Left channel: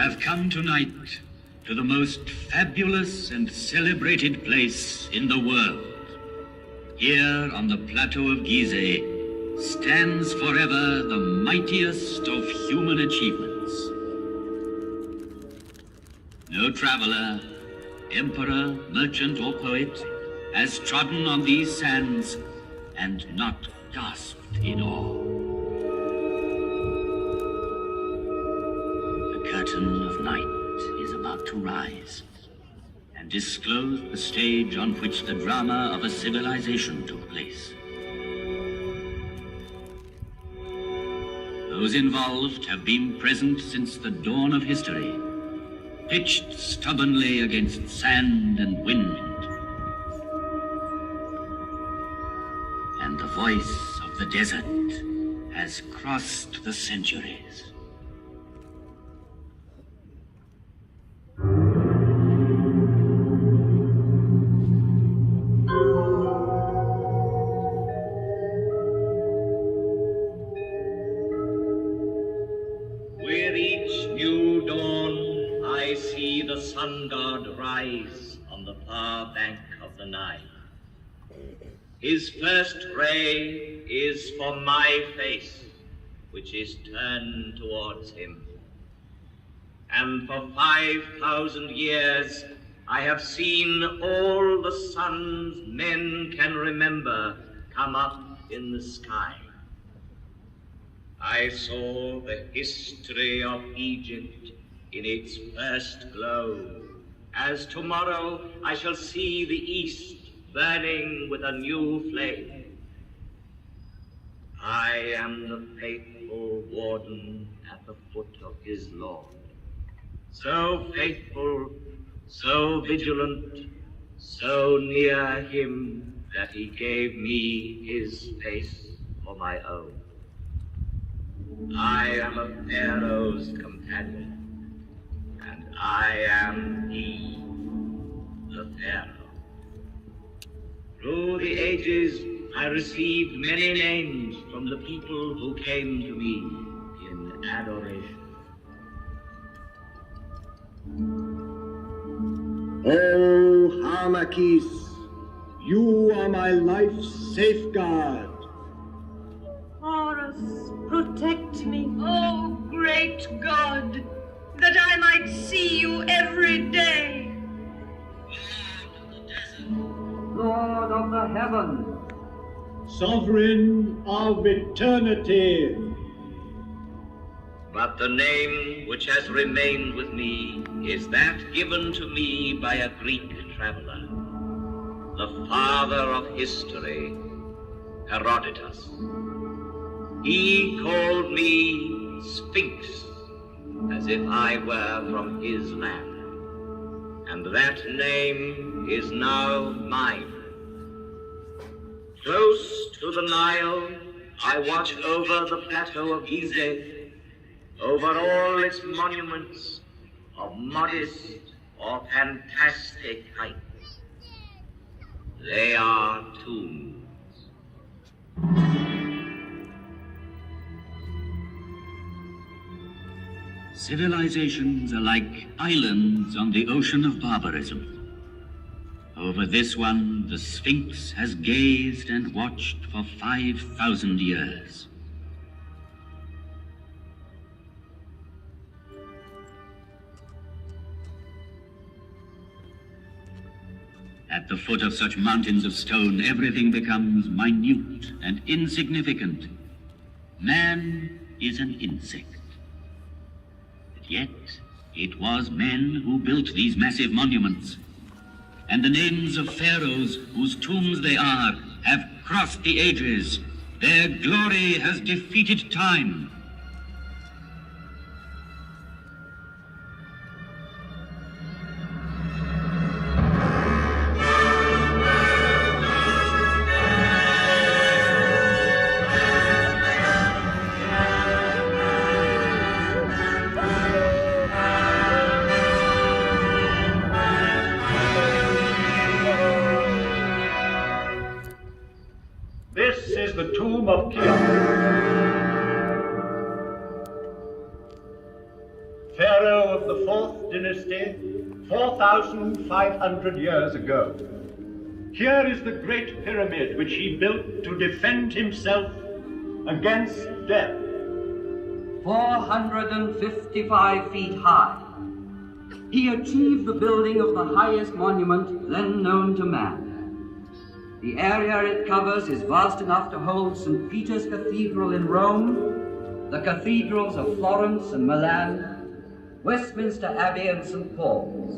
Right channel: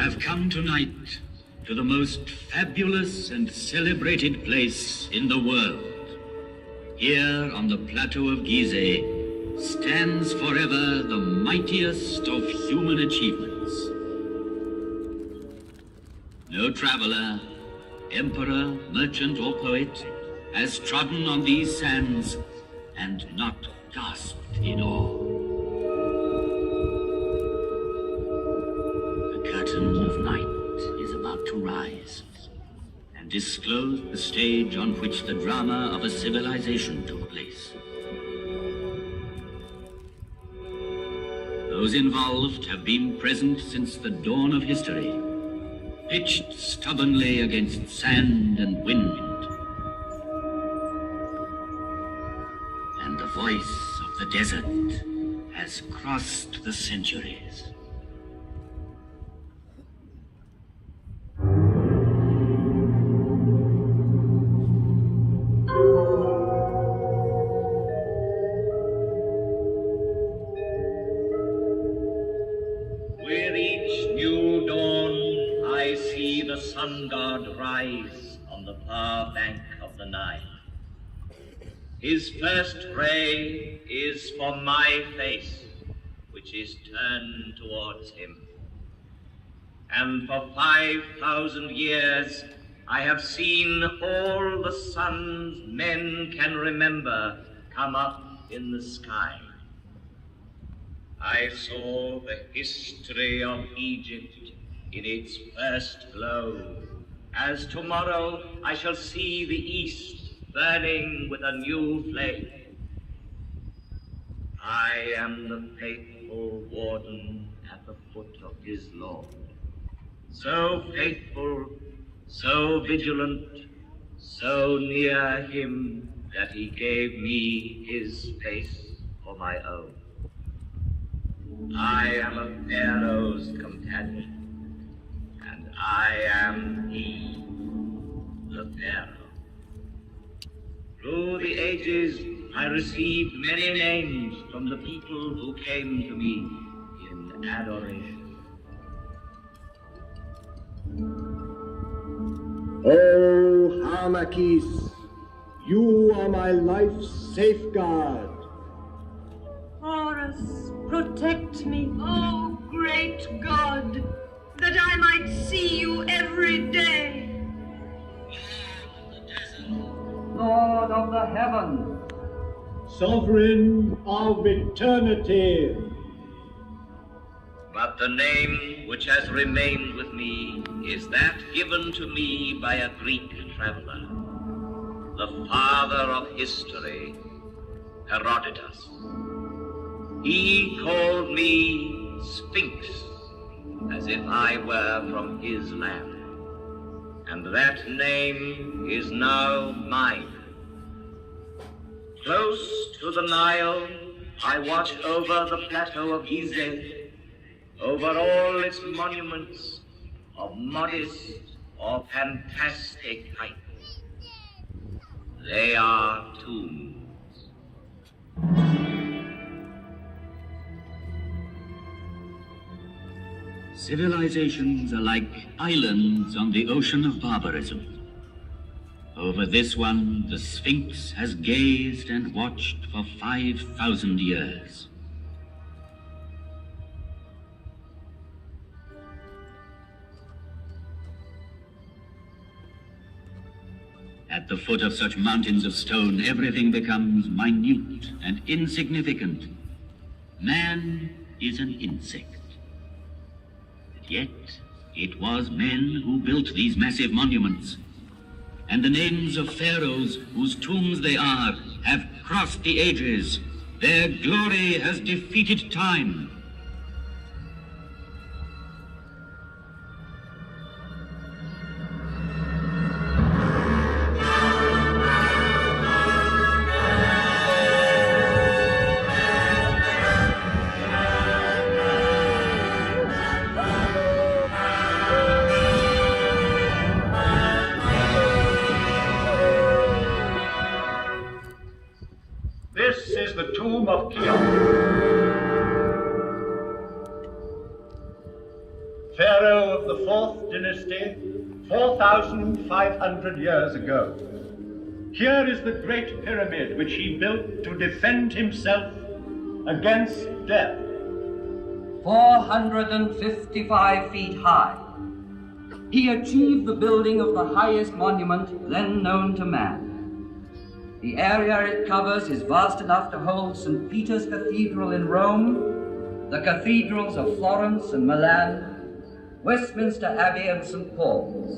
have come tonight to the most fabulous and celebrated place in the world. Here on the plateau of Gizeh stands forever the mightiest of human achievements. No traveler, emperor, merchant, or poet has trodden on these sands and not gasped in awe. The curtain of night is about to rise and disclose the stage on which the drama of a civilization took place. Those involved have been present since the dawn of history, pitched stubbornly against sand and wind. And the voice of the desert has crossed the centuries. With each new dawn, I see the sun god rise on the far bank of the Nile. His first ray is for my face, which is turned towards him. And for 5,000 years, I have seen all the suns men can remember come up in the sky. I saw the history of Egypt in its first glow, as tomorrow I shall see the East burning with a new flame. I am the faithful warden at the foot of his law, so faithful, so vigilant, so near him that he gave me his face for my own. I am a pharaoh's companion, and I am he, the pharaoh. Through the ages, I received many names from the people who came to me in adoration. Oh, Hamakis, you are my life's safeguard. Horus, protect me, oh great God, that I might see you every day. Lord of the heavens, Sovereign of eternity. But the name which has remained with me is that given to me by a Greek traveler, the father of history, Herodotus. He called me Sphinx, as if I were from his land. And that name is now mine. Close to the Nile, I watch over the plateau of Gizeh, over all its monuments of modest or fantastic height. They are tombs. Civilizations are like islands on the ocean of barbarism. Over this one, the Sphinx has gazed and watched for 5,000 years. At the foot of such mountains of stone, everything becomes minute and insignificant. Man is an insect. Yet, it was men who built these massive monuments. And the names of pharaohs whose tombs they are have crossed the ages. Their glory has defeated time. The tomb of Cheops. pharaoh of the 4th dynasty, 4,500 years ago. Here is the great pyramid which he built to defend himself against death. 455 feet high. He achieved the building of the highest monument then known to man. The area it covers is vast enough to hold St. Peter's Cathedral in Rome, the cathedrals of Florence and Milan, Westminster Abbey and St. Paul's.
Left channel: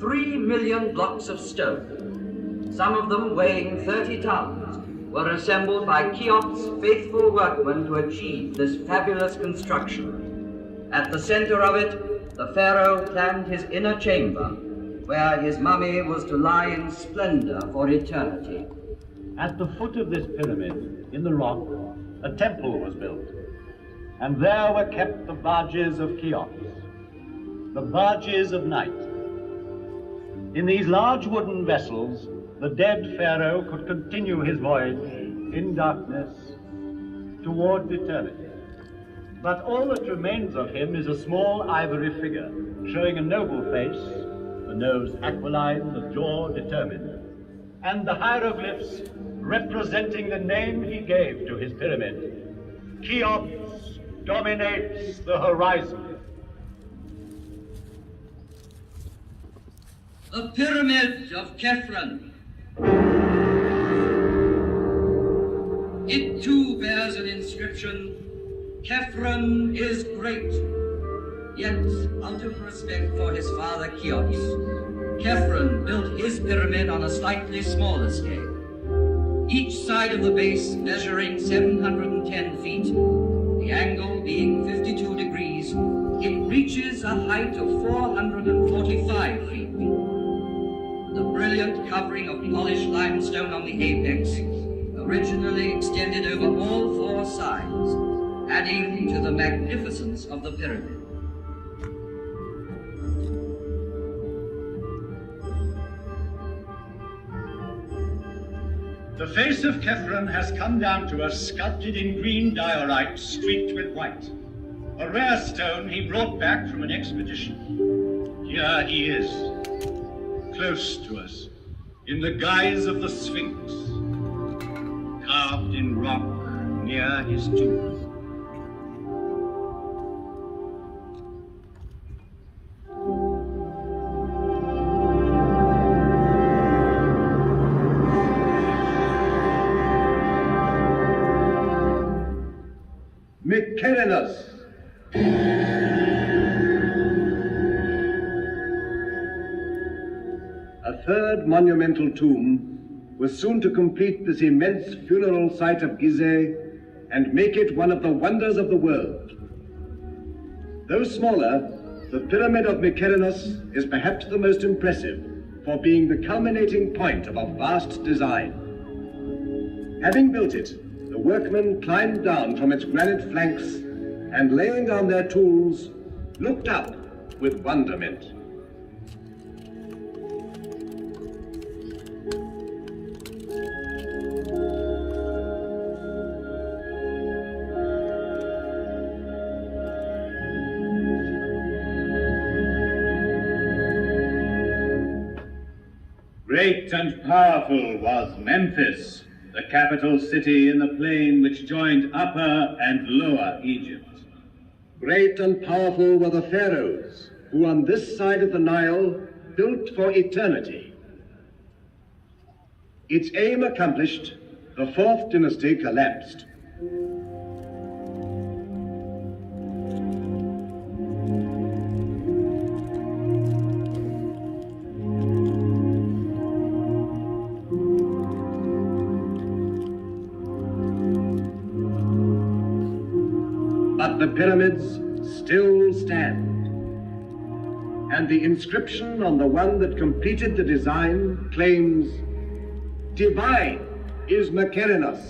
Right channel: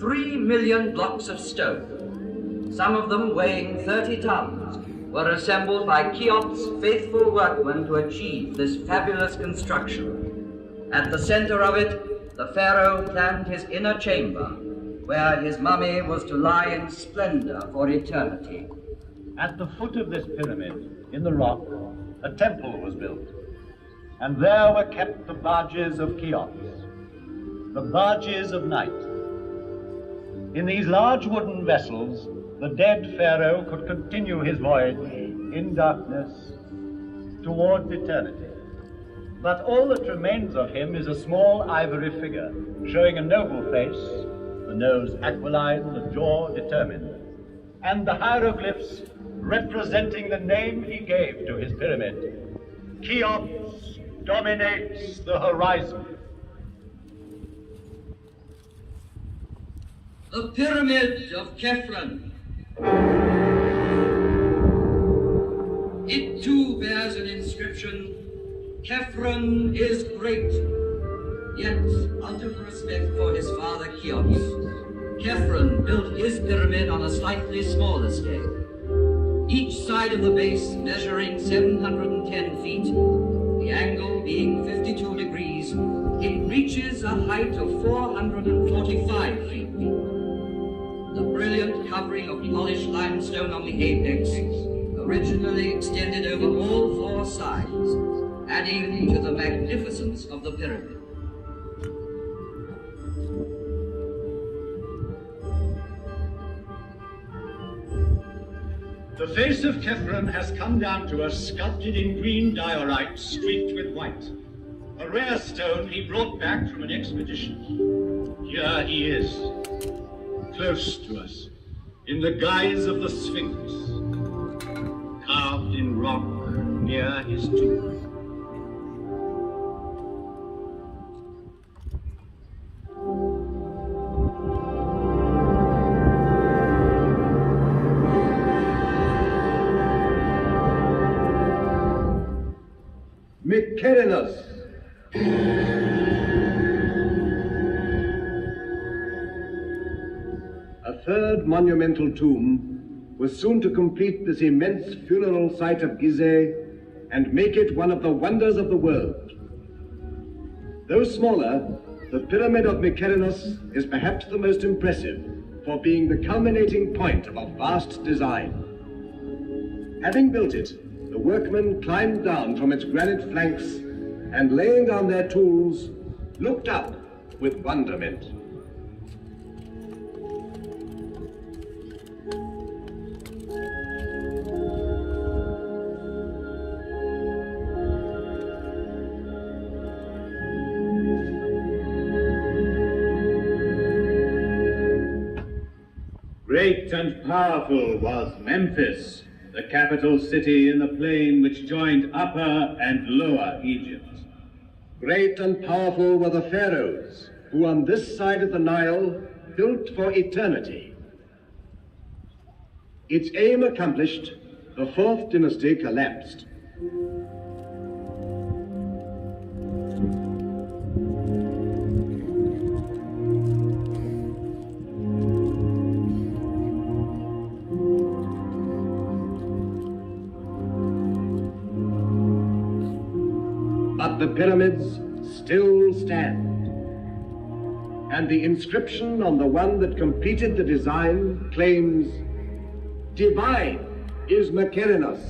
3 million blocks of stone, some of them weighing 30 tons, were assembled by Cheops' faithful workmen to achieve this fabulous construction. At the center of it, the pharaoh planned his inner chamber, where his mummy was to lie in splendor for eternity. At the foot of this pyramid, in the rock, a temple was built, and there were kept the barges of Cheops, the barges of night. In these large wooden vessels, the dead pharaoh could continue his voyage in darkness towards eternity. But all that remains of him is a small ivory figure, showing a noble face, the nose aquiline, the jaw determined, and the hieroglyphs representing the name he gave to his pyramid. Cheops dominates the horizon. The Pyramid of Khephren. It too bears an inscription, Khephren is great. Yet, out of respect for his father Cheops, Khephren built his pyramid on a slightly smaller scale. Each side of the base measuring 710 feet, the angle being 52 degrees, it reaches a height of 445 feet. The brilliant covering of polished limestone on the apex originally extended over all 4 sides, adding to the magnificence of the pyramid. The face of Khephren has come down to us sculpted in green diorite streaked with white, a rare stone he brought back from an expedition. Here he is, close to us, in the guise of the Sphinx, carved in rock near his tomb. Mykerinus. A third monumental tomb was soon to complete this immense funeral site of Gizeh and make it one of the wonders of the world. Though smaller, the Pyramid of Mykerinus is perhaps the most impressive for being the culminating point of a vast design. Having built it, the workmen climbed down from its granite flanks and, laying down their tools, looked up with wonderment. Great and powerful was Memphis, the capital city in the plain which joined Upper and Lower Egypt. Great and powerful were the pharaohs, who on this side of the Nile built for eternity. Its aim accomplished, the 4th dynasty collapsed. But the pyramids still stand, and the inscription on the one that completed the design claims, "Divine is Mykerinus."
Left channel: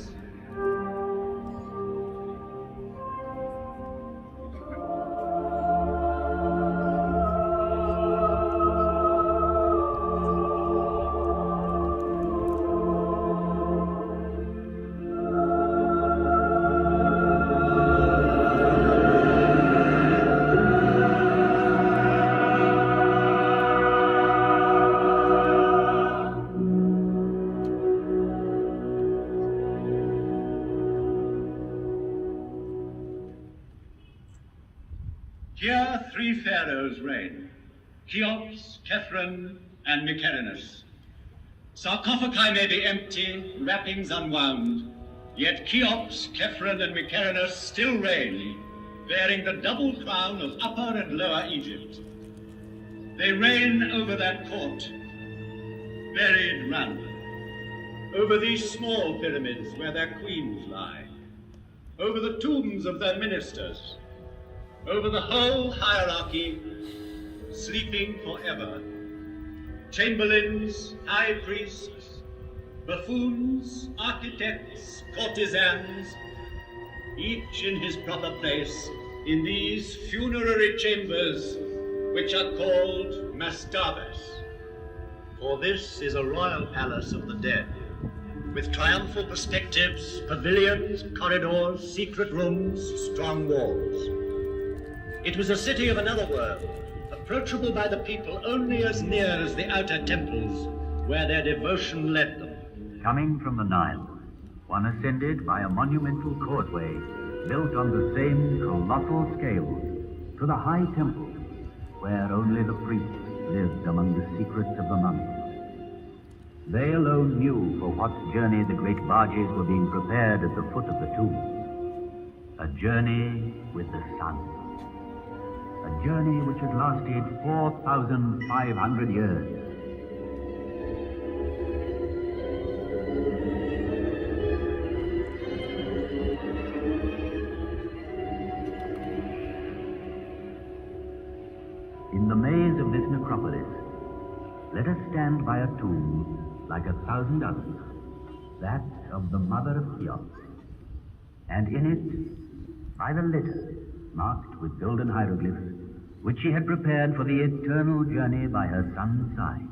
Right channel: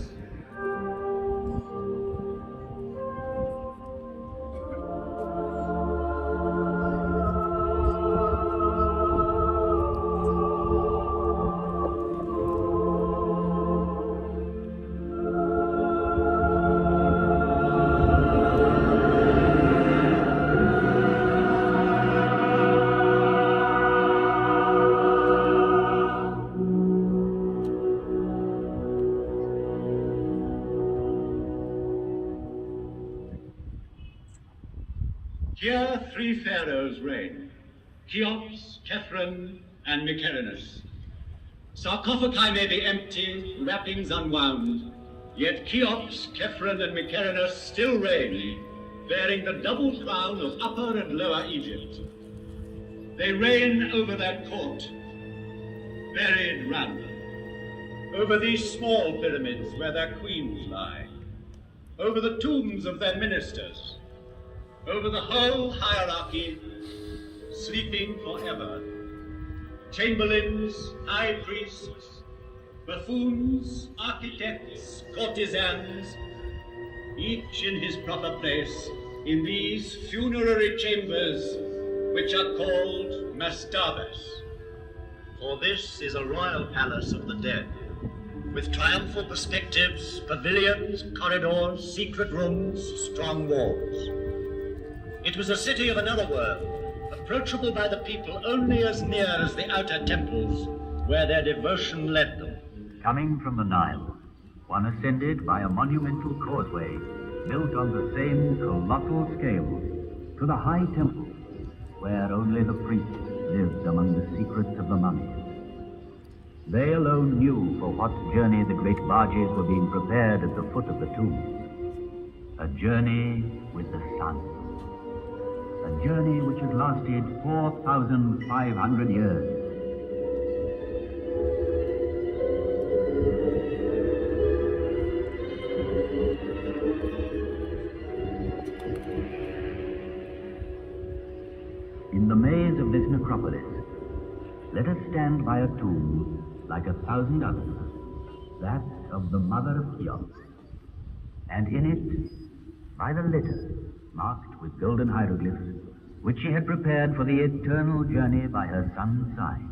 Here 3 pharaohs reign, Cheops, Khephren, and Mycerinus. Sarcophagi may be empty, wrappings unwound, yet Cheops, Khephren, and Mycerinus still reign, bearing the double crown of Upper and Lower Egypt. They reign over that court, buried round them, over these small pyramids where their queens lie, over the tombs of their ministers, over the whole hierarchy, sleeping forever. Chamberlains, high priests, buffoons, architects, courtesans, each in his proper place in these funerary chambers which are called mastabas. For this is a royal palace of the dead, with triumphal perspectives, pavilions, corridors, secret rooms, strong walls. It was a city of another world, approachable by the people only as near as the outer temples, where their devotion led them. Coming from the Nile, one ascended by a monumental causeway built on the same colossal scale to the high temple, where only the priests lived among the secrets of the mummies. They alone knew for what journey the great barges were being prepared at the foot of the tomb. A journey with the sun. A journey which had lasted 4,500 years. In the maze of this necropolis, let us stand by a tomb like 1,000 others, that of the mother of Cheops, and in it, by the litter marked with golden hieroglyphs, which she had prepared for the eternal journey by her son's side.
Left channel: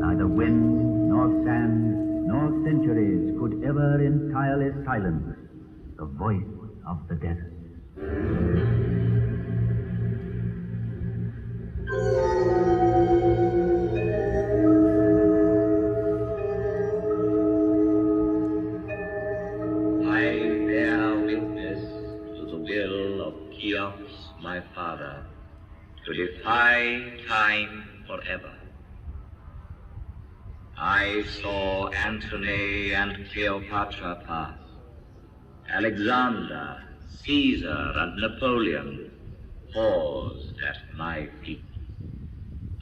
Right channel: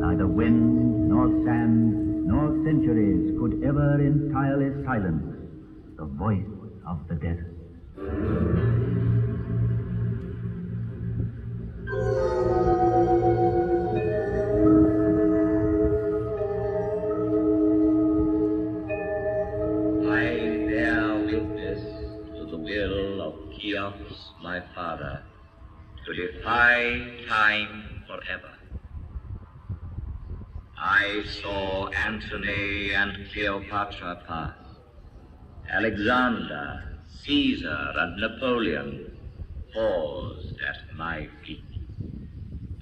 Neither wind, nor sand, nor centuries could ever entirely silence the voice of the desert. My father, to defy time forever. I saw Antony and Cleopatra pass, Alexander, Caesar, and Napoleon paused at my feet.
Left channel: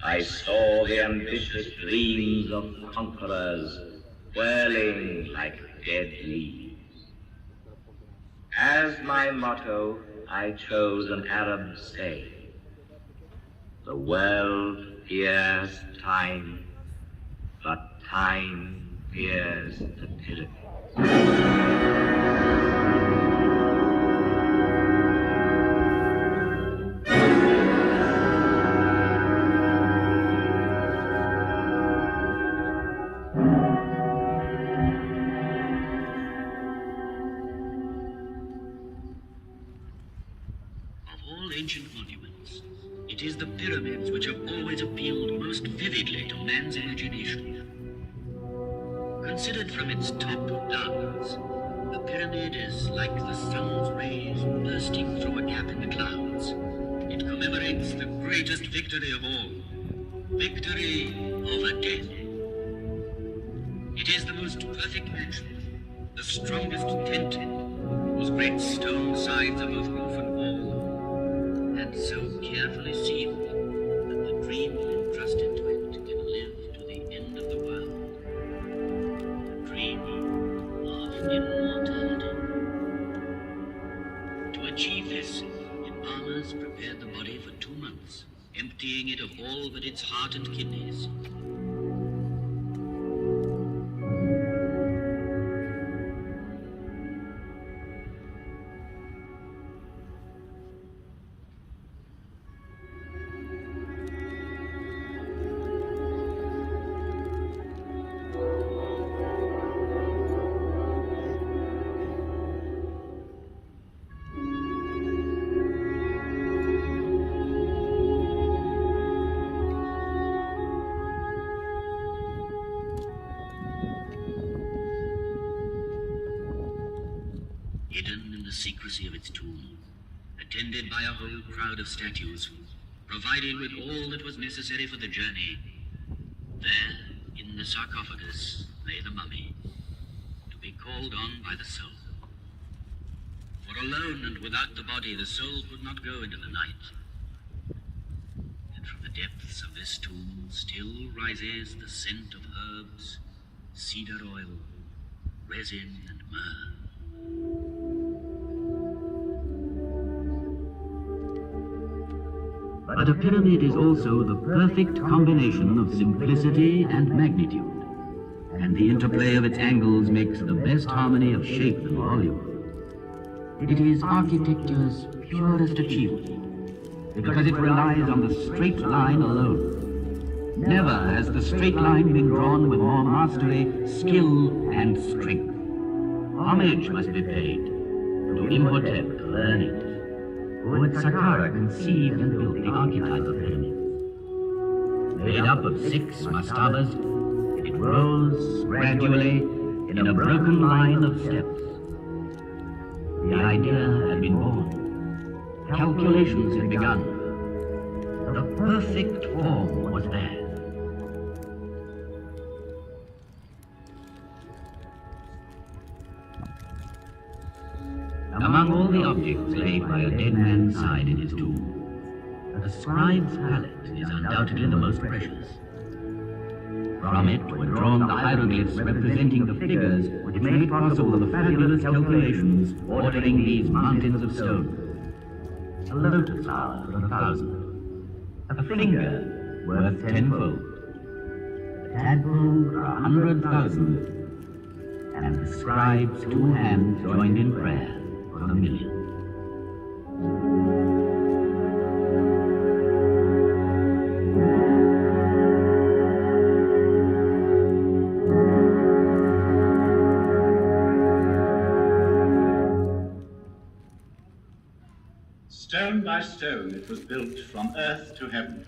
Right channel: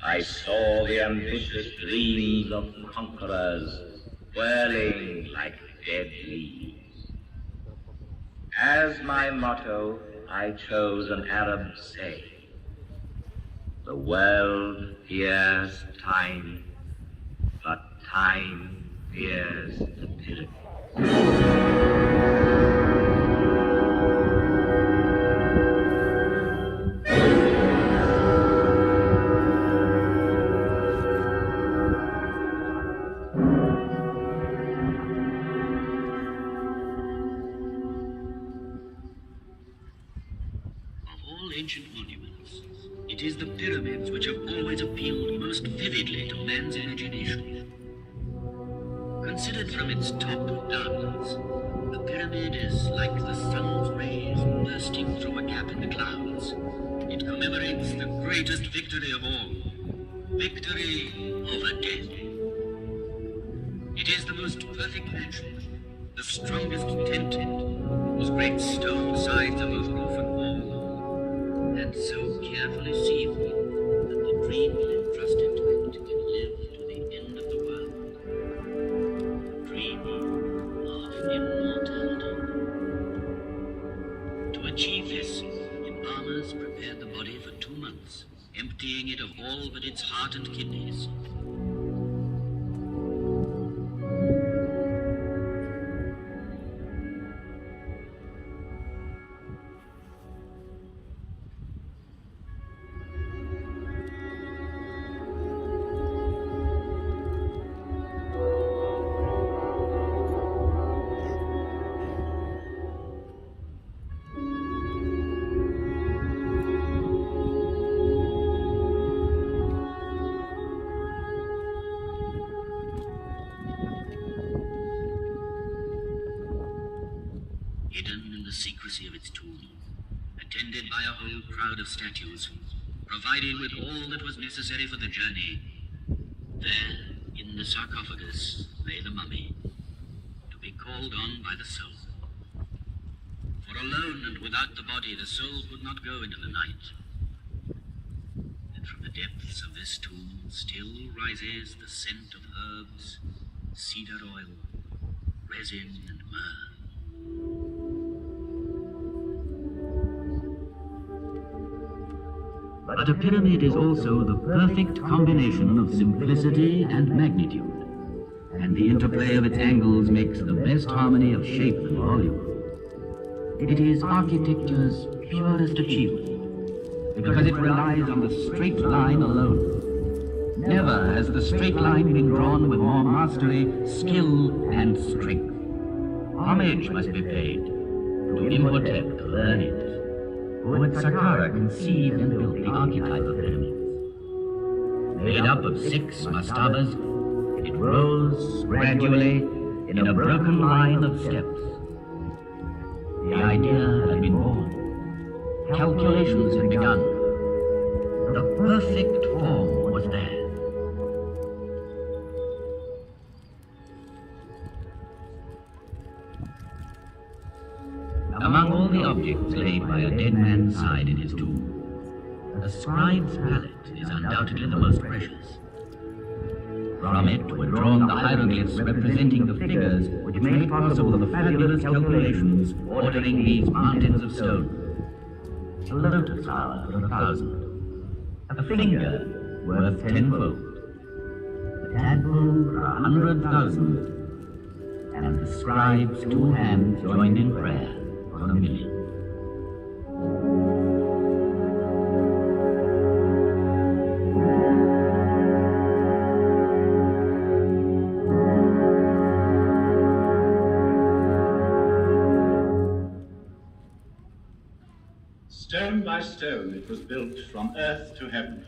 I saw the ambitious dreams of conquerors whirling like dead leaves. As my motto, I chose an Arab saying: the world fears time, but time fears the pyramid. Ancient monuments, it is the pyramids which have always appealed most vividly to man's imagination. Considered from its top downwards, the pyramid is like the sun's rays bursting through a gap in the clouds. It commemorates the greatest victory of all, victory over death. It is the most perfect mansion, the strongest tent, whose great stone sides are both roof and wall, and so carefully sealed that the dream entrusted to it can live to the end of the world. Dream of immortality. To achieve this, embalmers prepared the body for 2 months, emptying it of all but its heart and kidneys. secrecy of its tomb, attended by a whole crowd of statues, provided with all that was necessary for the journey. There, in the sarcophagus, lay the mummy, to be called on by the soul. For alone and without the body, the soul could not go into the night. And from the depths of this tomb still rises the scent of herbs, cedar oil, resin, and myrrh. But a pyramid is also the perfect combination of simplicity and magnitude, and the interplay of its angles makes the best harmony of shape and volume. It is architecture's purest achievement, because it relies on the straight line alone. Never has the straight line been drawn with more mastery, skill, and strength. Homage must be paid to Imhotep the learned, who at Saqqara conceived and built the archetype of pyramids. Made up of 6 mastabas, it rose gradually in a broken line of steps. The idea had been born. Calculations had begun. The perfect form was there. Among all the objects laid by a dead man's side in his tomb, the scribe's palette is undoubtedly the most precious. From it were drawn the hieroglyphs representing the figures which made possible the fabulous calculations ordering these mountains of stone. A lotus flower for 1,000, a finger worth 10-fold, a tadpole for 100,000, and the scribe's 2 hands joined in prayer for 1,000,000. Stone by stone it was built from earth to heaven.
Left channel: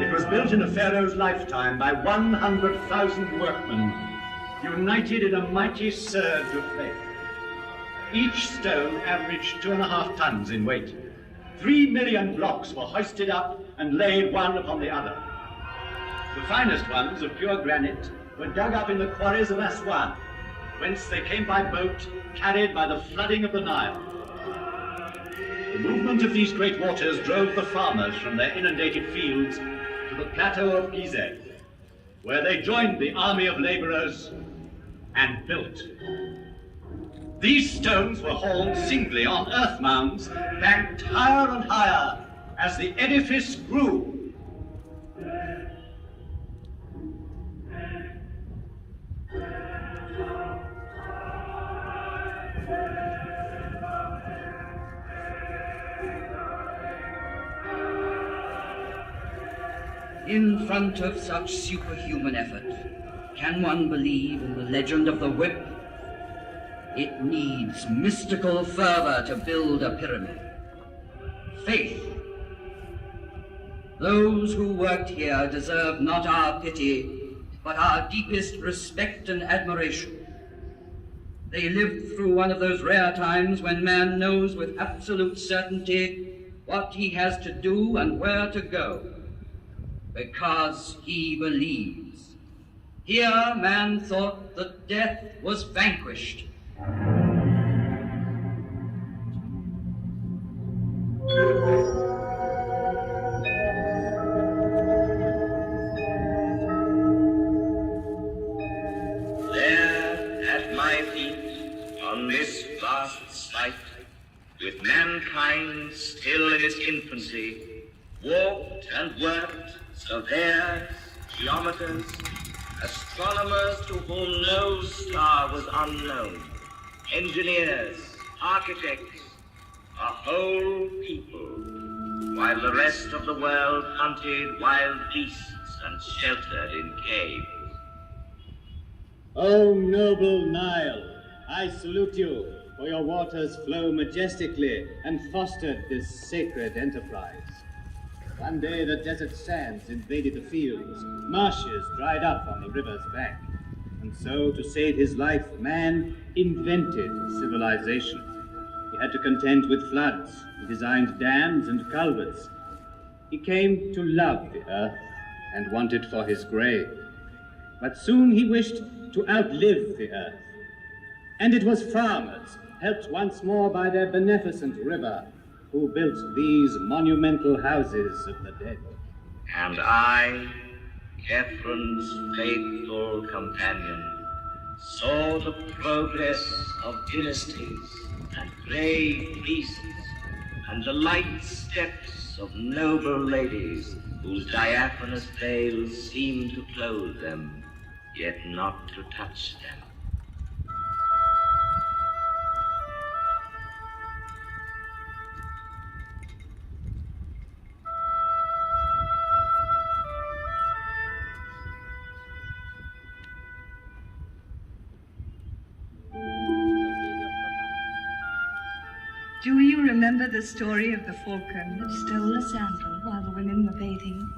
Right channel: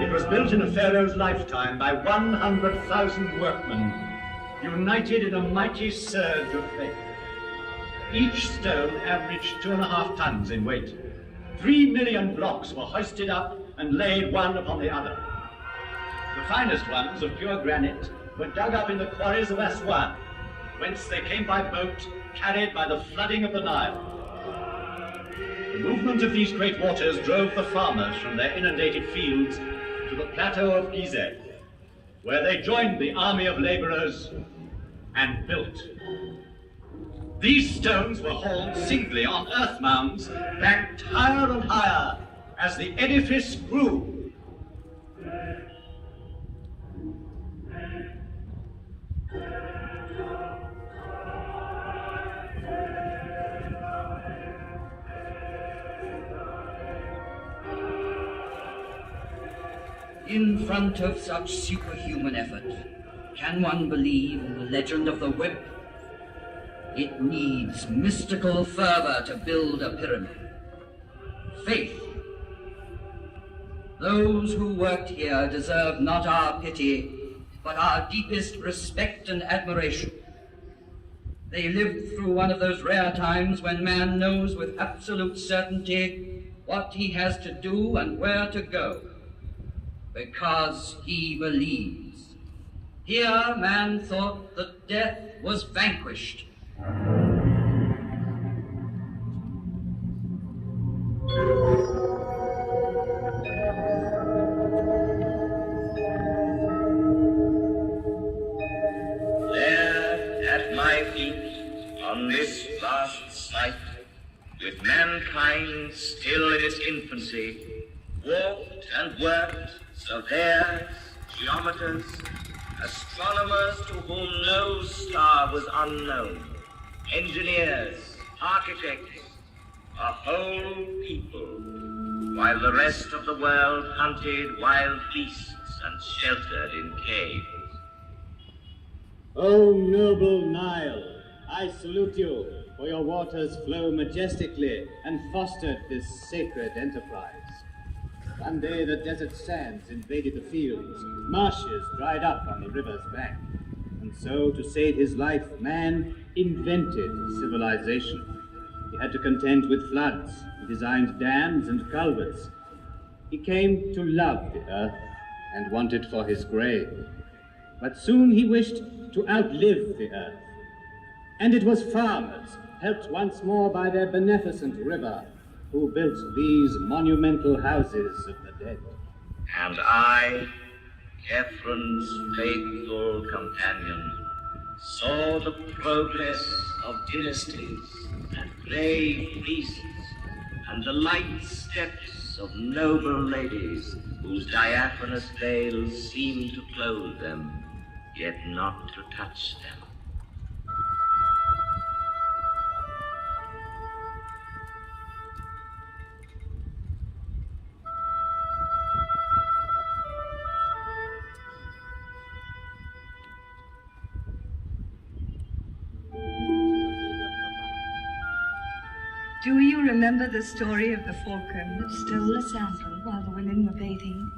It was built in a pharaoh's lifetime by 100,000 workmen, united in a mighty surge of faith. Each stone averaged 2.5 tons in weight. 3 million blocks were hoisted up and laid one upon the other. The finest ones of pure granite were dug up in the quarries of Aswan, whence they came by boat, carried by the flooding of the Nile. The movement of these great waters drove the farmers from their inundated fields to the plateau of Gizeh, where they joined the army of laborers and built. These stones were hauled singly on earth mounds, banked higher and higher as the edifice grew. In front of such superhuman effort, can one believe in the legend of the whip? It needs mystical fervor to build a pyramid. Faith. Those who worked here deserve not our pity, but our deepest respect and admiration. They lived through one of those rare times when man knows with absolute certainty what he has to do and where to go, because he believes. Here man thought that death was vanquished. There at my feet, on this vast site, with mankind still in its infancy, walked and worked surveyors, geometers, astronomers to whom no star was unknown, engineers, architects, a whole people, while the rest of the world hunted wild beasts and sheltered in caves. O noble Nile, I salute you, for your waters flow majestically and fostered this sacred enterprise. One day the desert sands invaded the fields, marshes dried up on the river's bank. And so, to save his life, man invented civilization. He had to contend with floods. He designed dams and culverts. He came to love the earth and want it for his grave. But soon he wished to outlive the earth. And it was farmers, helped once more by their beneficent river, who built these monumental houses of the dead. And I, Catherine's faithful companion, saw the progress of dynasties and grave peaces, and the light steps of noble ladies whose diaphanous veils seemed to clothe them, yet not to touch them. Do you remember the story of the falcon that stole a sandal while the women were bathing?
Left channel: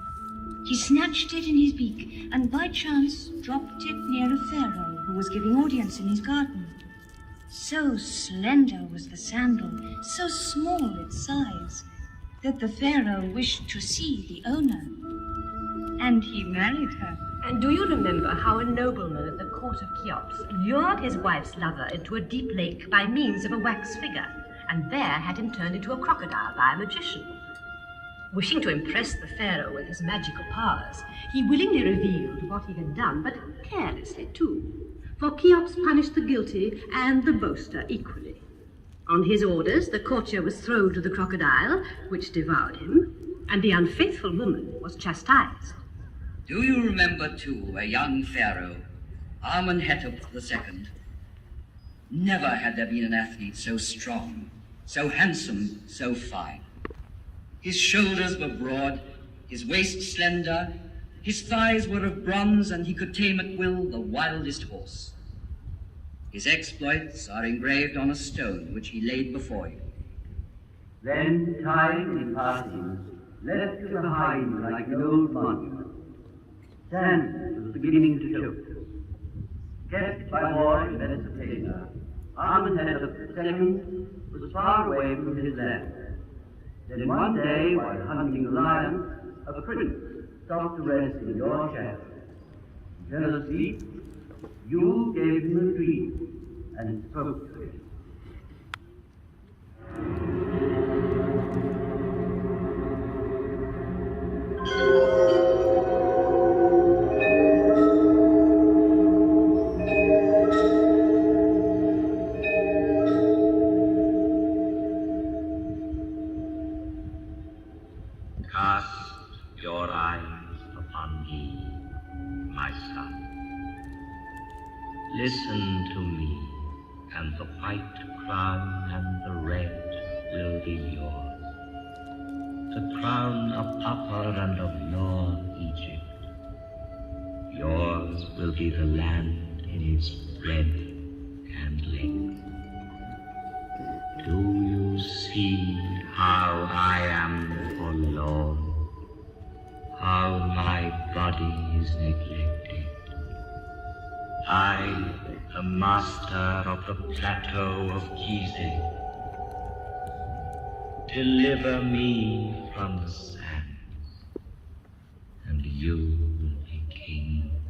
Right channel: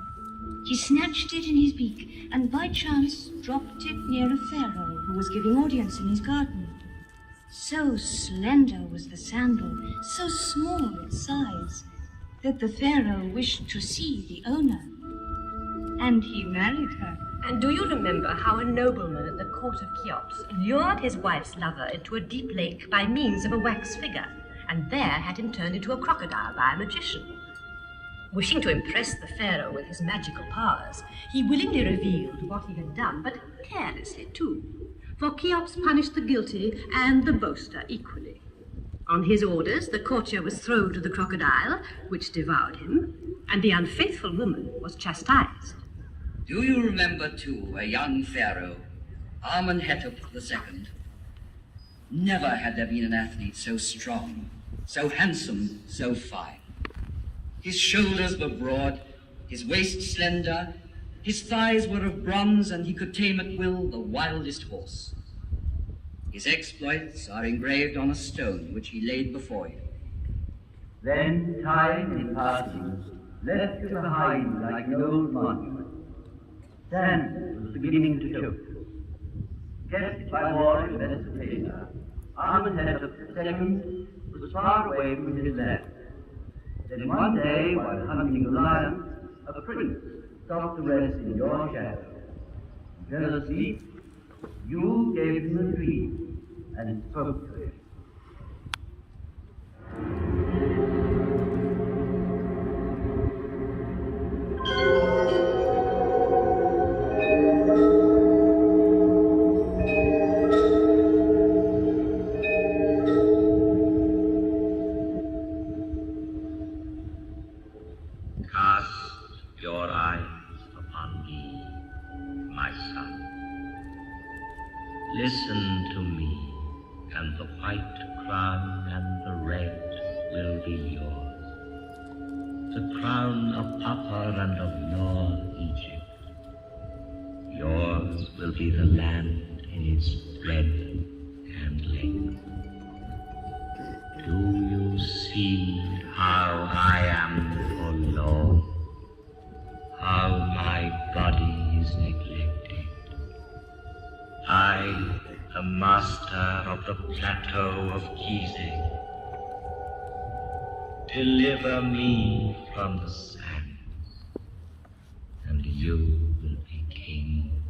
He snatched it in his beak and by chance dropped it near a pharaoh who was giving audience in his garden. So slender was the sandal, so small its size, that the pharaoh wished to see the owner. And he married her. And do you remember how a nobleman at the court of Cheops lured his wife's lover into a deep lake by means of a wax figure, and there had him turned into a crocodile by a magician? Wishing to impress the pharaoh with his magical powers, he willingly revealed what he had done, but carelessly too, for Cheops punished the guilty and the boaster equally. On his orders, the courtier was thrown to the crocodile, which devoured him, and the unfaithful woman was chastised. Do you remember, too, a young pharaoh, Amenhotep II? Never had there been an athlete so strong, so handsome, so fine. His shoulders were broad, his waist slender, his thighs were of bronze, and he could tame at will the wildest horse. His exploits are engraved on a stone which he laid before him. Then time in passing left it behind like an old monument. Sand was beginning to tilt. Kept by warring Mesopotamia, Amenhotep II was far away from his land. Then one day, while hunting the lion, a prince stopped to rest in your shadow. He fell asleep. You gave him a dream and spoke to him. Listen to me, and the white crown and the red will be yours. The crown of Upper and of Lower Egypt. Yours will be the land in its breadth and length. Do you see how I am forlorn? How my body is neglected? I, the master of the plateau of Gizeh, deliver me from the sands, and you will be king.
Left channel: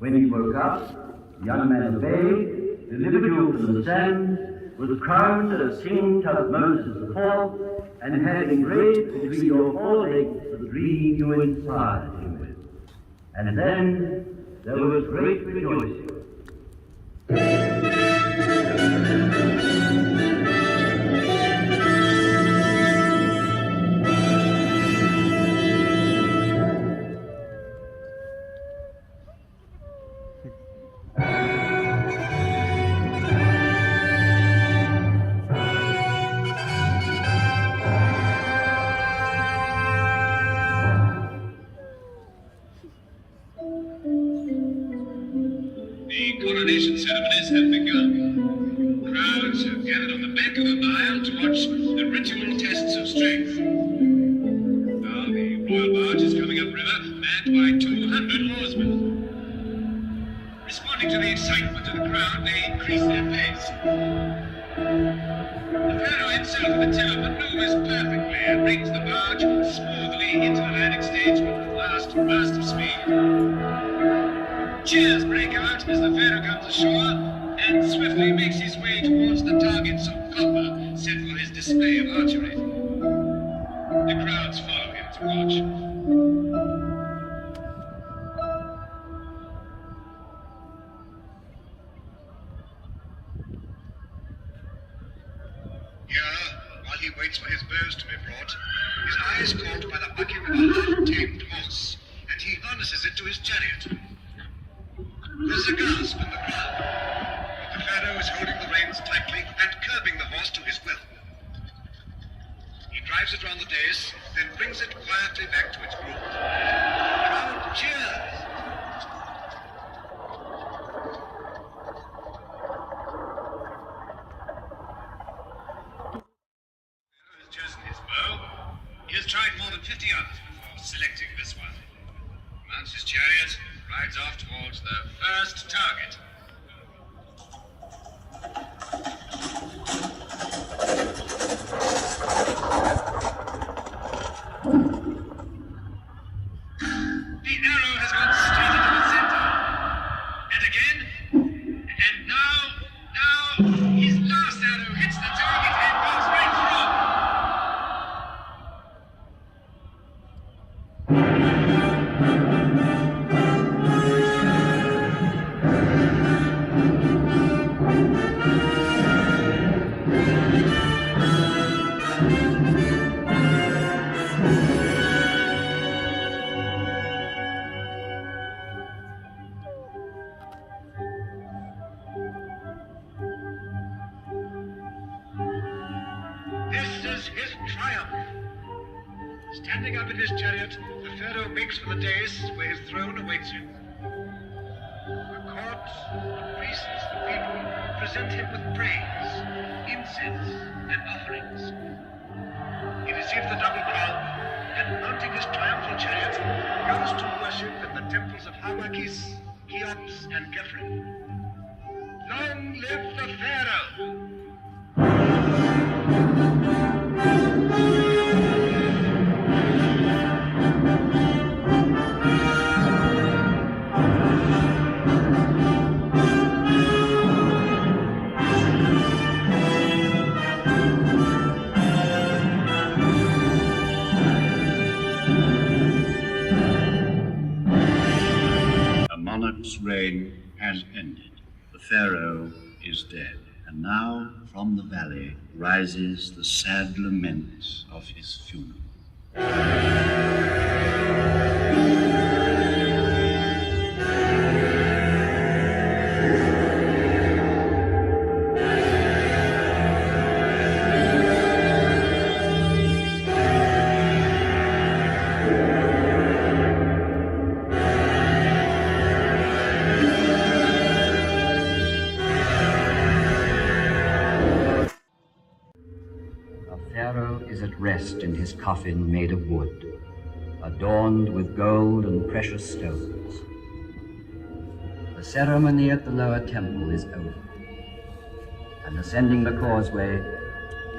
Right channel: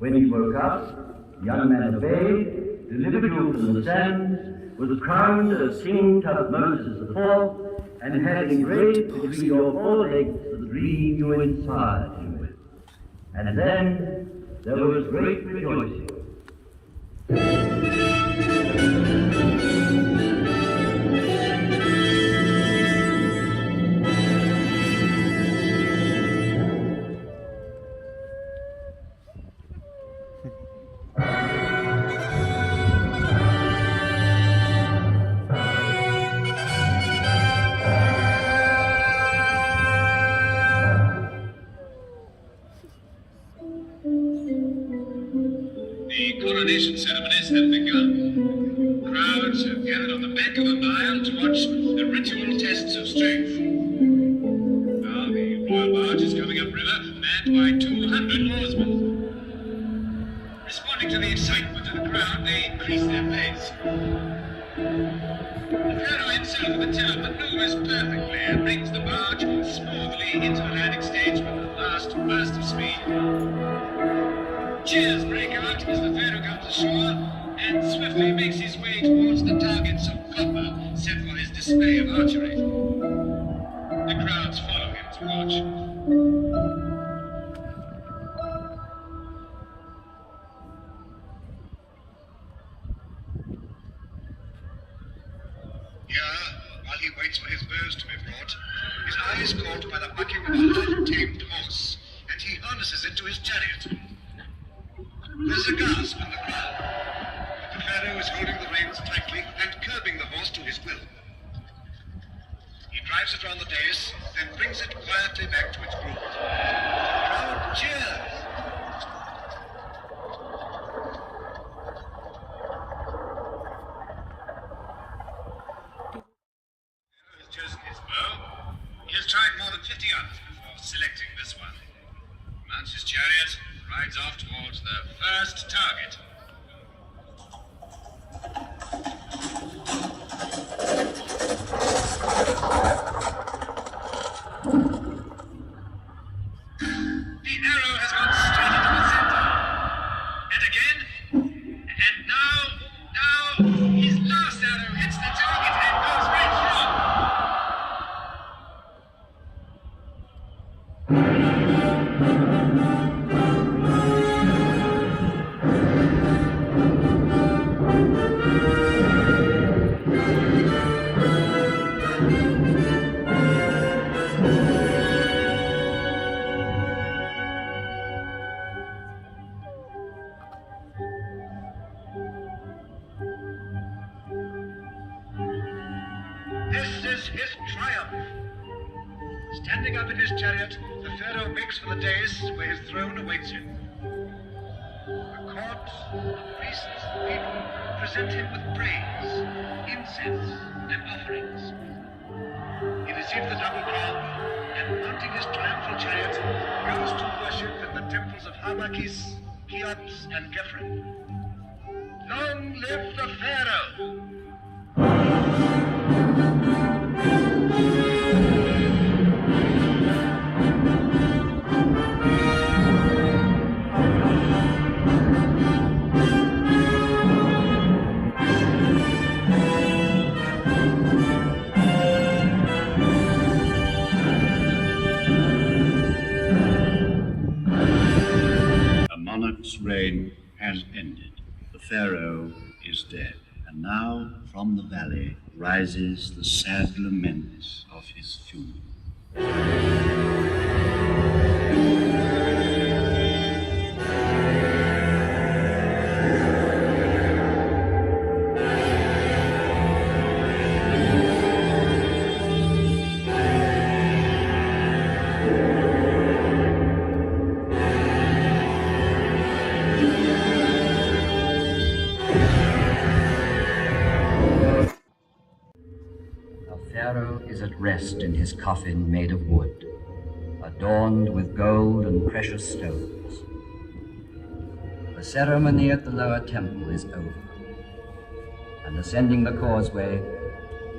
When he woke up, the young man obeyed, delivered you from the sands, was crowned as King Tutmosis IV, and had engraved between your forelegs the dream you inspired him with. And then there was great rejoicing. Coronation ceremonies have begun. Crowds have gathered on the bank of the Nile to watch the ritual tests of strength. attacked by 200 horsemen. Responding to the excitement of the crowd, they increase their pace. The pharaoh himself at the tiller maneuvers perfectly and brings the barge smoothly into the landing stage with a last burst of speed. Cheers break out as the pharaoh comes ashore and swiftly makes his way towards the targets of copper set for his display of archery. The crowds follow him to watch. Here, while he waits for his bows to be brought, his eye is caught by the bucking of a half-tamed horse, and he harnesses it to his chariot. There's a gasp in the crowd, but the pharaoh is holding the reins tightly and curbing the horse to his will. He drives it round the dais, then brings it quietly back to its groove. The crowd cheers. Chosen his bow. He has tried more than 50 others before selecting this one. Mounts his chariot, rides off towards the first target. The arrow has gone straight into the center. And again. And now, his last arrow hits the target and goes right through. This is his triumph. Standing up in his chariot, the pharaoh makes for the dais where his throne awaits him. The court, the priests, the people present him with praise, incense, and offerings. He receives the double crown and, mounting his triumphal chariot, goes to worship in the temples of Harmakis, Cheops, and Khephren. Long live the pharaoh! A monarch's reign has ended. The pharaoh is dead. And now, from the valley, rises the sad lament of his funeral. Is at rest in his coffin made of wood, adorned with gold and precious stones. The ceremony at the lower temple is over, and ascending the causeway,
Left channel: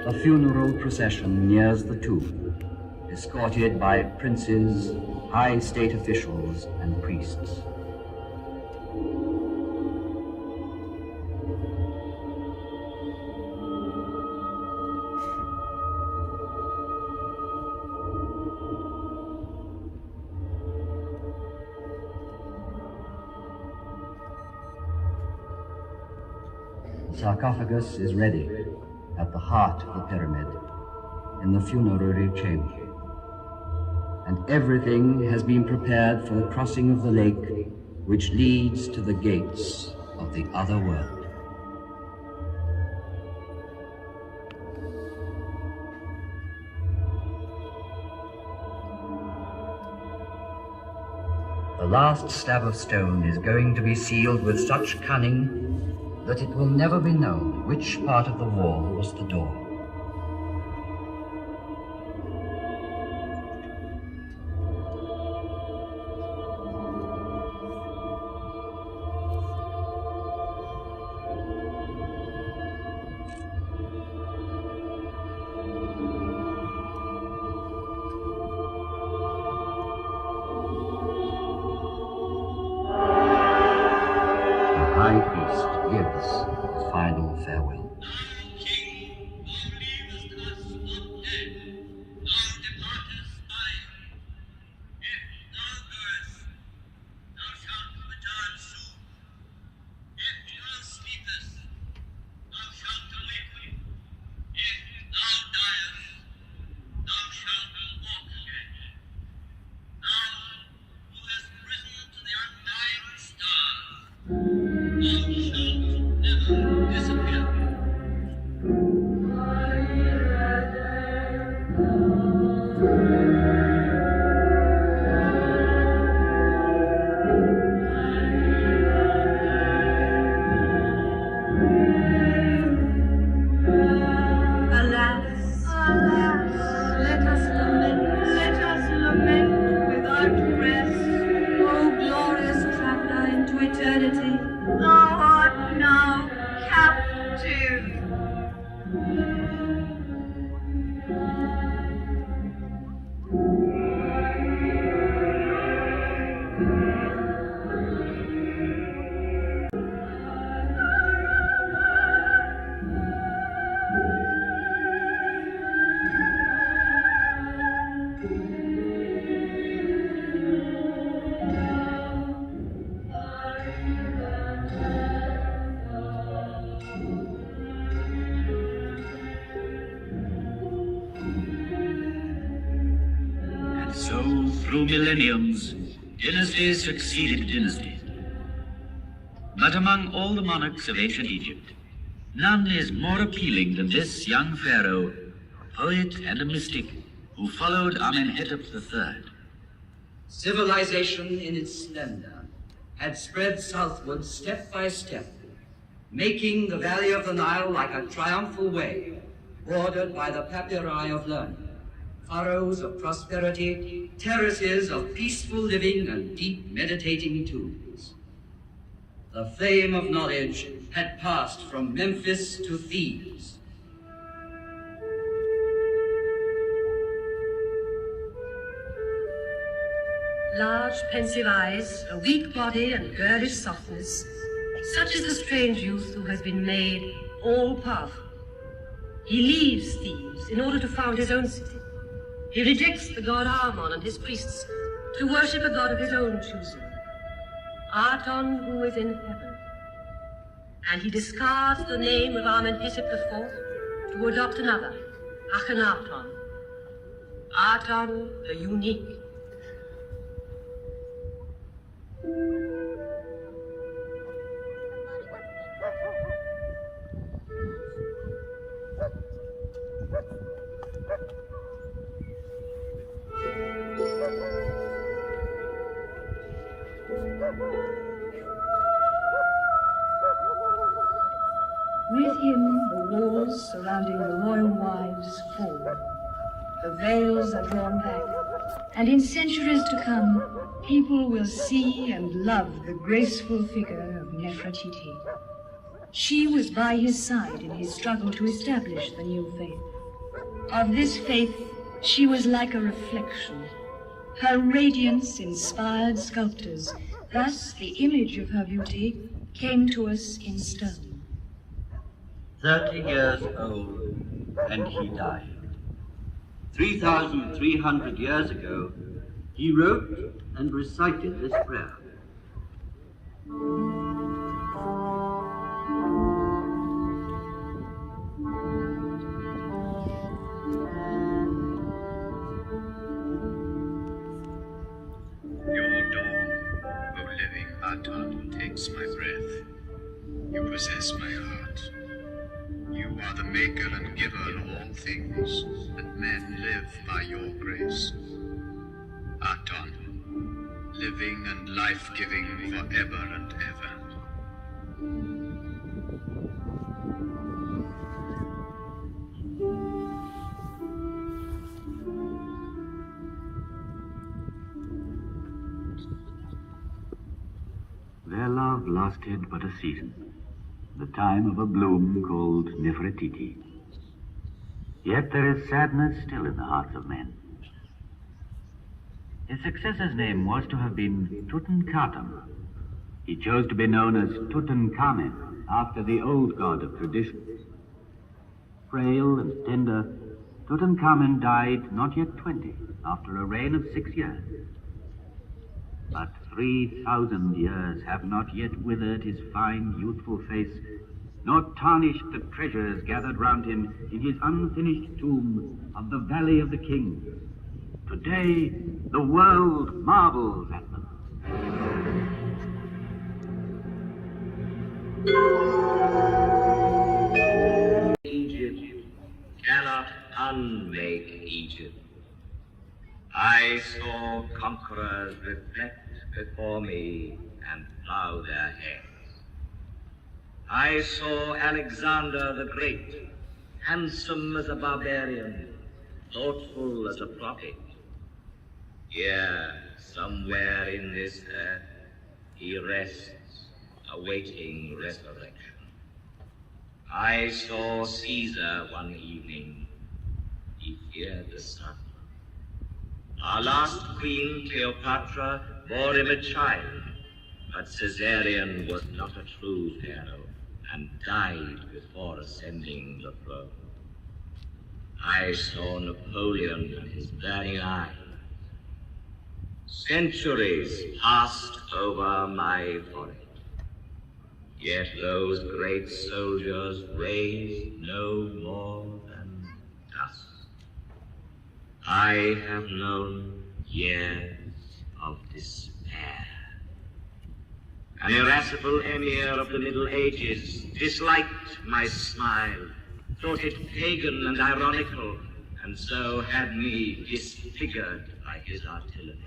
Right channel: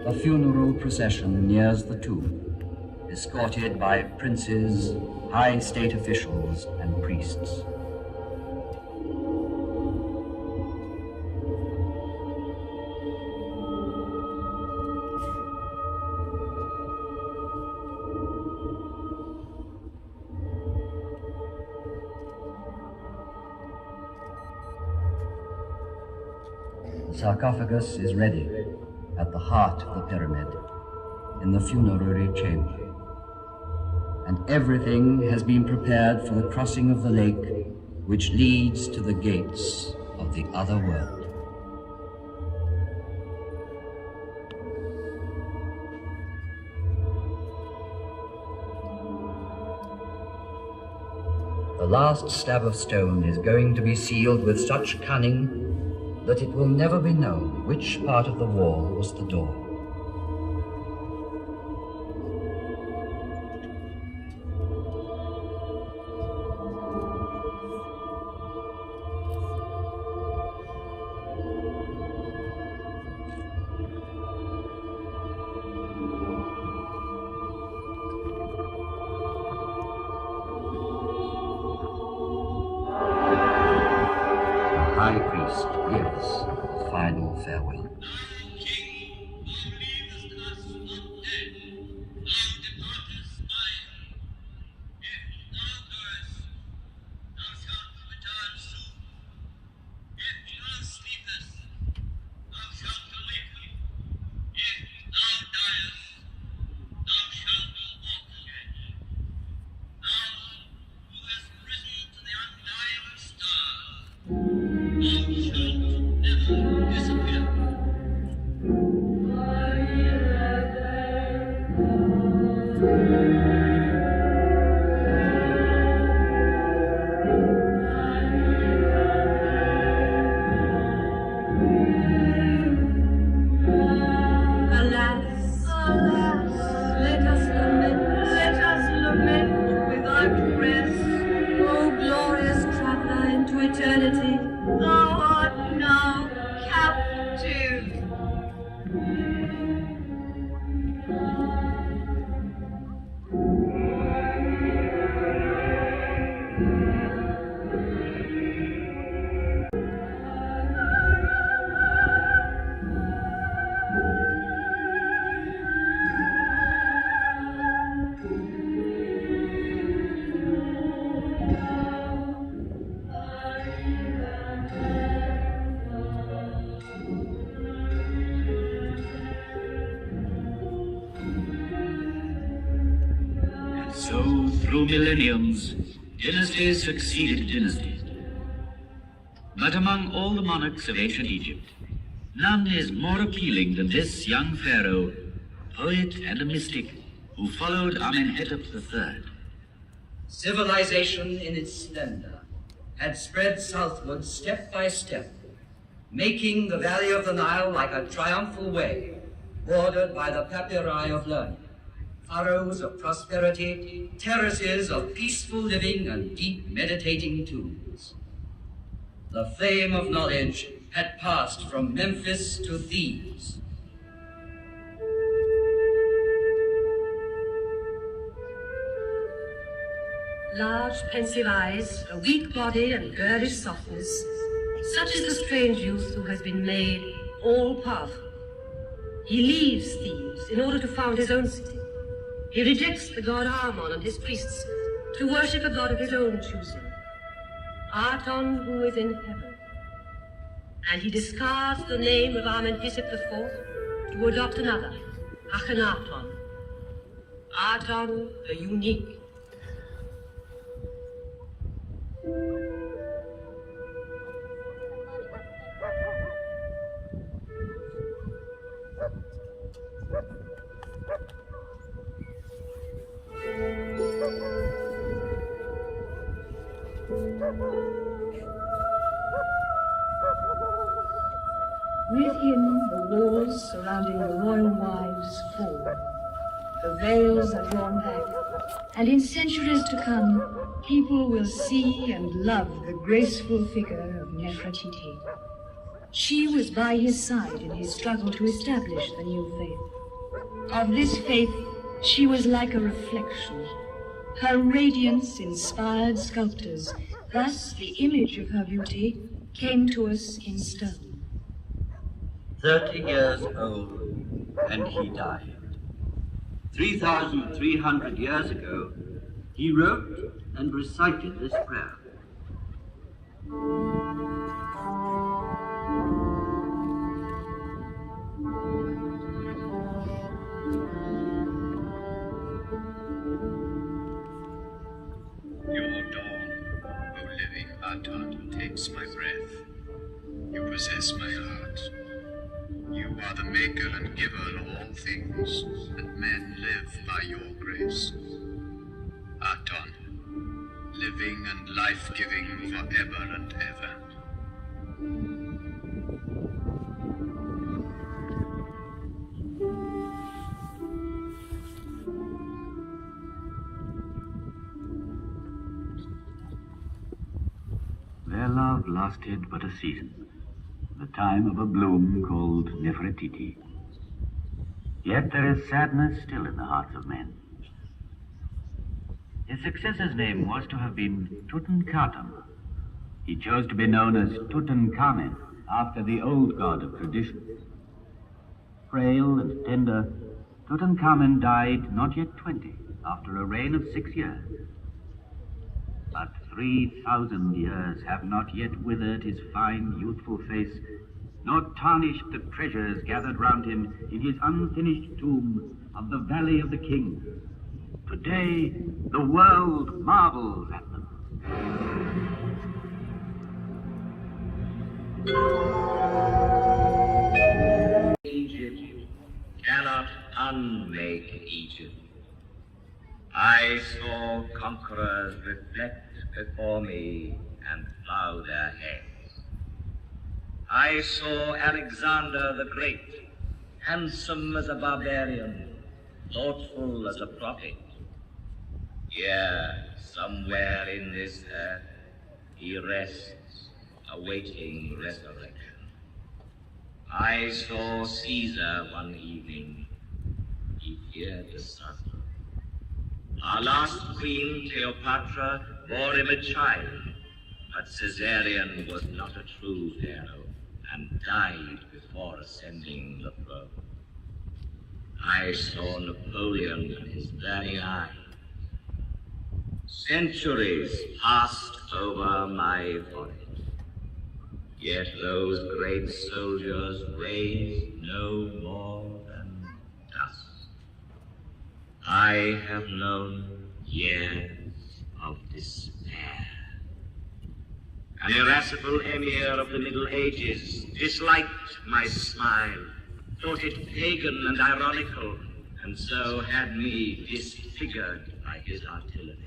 a funeral procession nears the tomb, escorted by princes, high state officials, and priests. The sarcophagus is ready at the heart of the pyramid, in the funerary chamber. And everything has been prepared for the crossing of the lake, which leads to the gates of the other world. The last slab of stone is going to be sealed with such cunning that it will never be known which part of the wall was the door. farewell. Through millenniums, dynasties succeeded dynasties. But among all the monarchs of ancient Egypt, none is more appealing than this young pharaoh, a poet and a mystic, who followed Amenhotep III. Civilization in its splendor had spread southward step by step, making the valley of the Nile like a triumphal way, bordered by the papyri of learning, furrows of prosperity, terraces of peaceful living and deep meditating tombs. The flame of knowledge had passed from Memphis to Thebes. Large, pensive eyes, a weak body and girlish softness, such is the strange youth who has been made all-powerful. He leaves Thebes in order to found his own city. He rejects the god Amon and his priests to worship a god of his own choosing, Aton, who is in heaven. And he discards the name of Amenhotep IV to adopt another, Akhenaton, Aton the unique. With him, the walls surrounding the royal wives fall. The veils are drawn back, and in centuries to come, people will see and love the graceful figure of Nefertiti. She was by his side in his struggle to establish the new faith. Of this faith, she was like a reflection. Her radiance inspired sculptors. Thus, the image of her beauty came to us in stone. 30 years old, and he died. 3,300 years ago, he wrote and recited this prayer. Your dawn, O living Aton, takes my breath. You possess my heart. You are the maker and giver of all things, and men live by your grace. Aton, living and life-giving forever and ever. Their love lasted but a season, the time of a bloom called Nefertiti. Yet there is sadness still in the hearts of men. His successor's name was to have been Tutankhaten. He chose to be known as Tutankhamen after the old god of traditions. Frail and tender, Tutankhamun died not yet 20 after a reign of 6 years. But 3,000 years have not yet withered his fine, youthful face, nor tarnished the treasures gathered round him in his unfinished tomb of the Valley of the Kings. Today, the world marvels at them. Egypt cannot unmake Egypt. I saw conquerors reflect before me and bow their heads. I saw Alexander the Great, handsome as a barbarian, thoughtful as a prophet. Here, somewhere in this earth, he rests, awaiting resurrection. I saw Caesar one evening. He feared the sun. Our last queen, Cleopatra, bore him a child, but Caesarion was not a true pharaoh and died before ascending the throne. I saw Napoleon and his burning eye. Centuries passed over my forehead, yet those great soldiers raised no more than dust. I have known years of despair. An irascible emir of the Middle Ages disliked my smile, thought it pagan and ironical, and so had me disfigured by his artillery.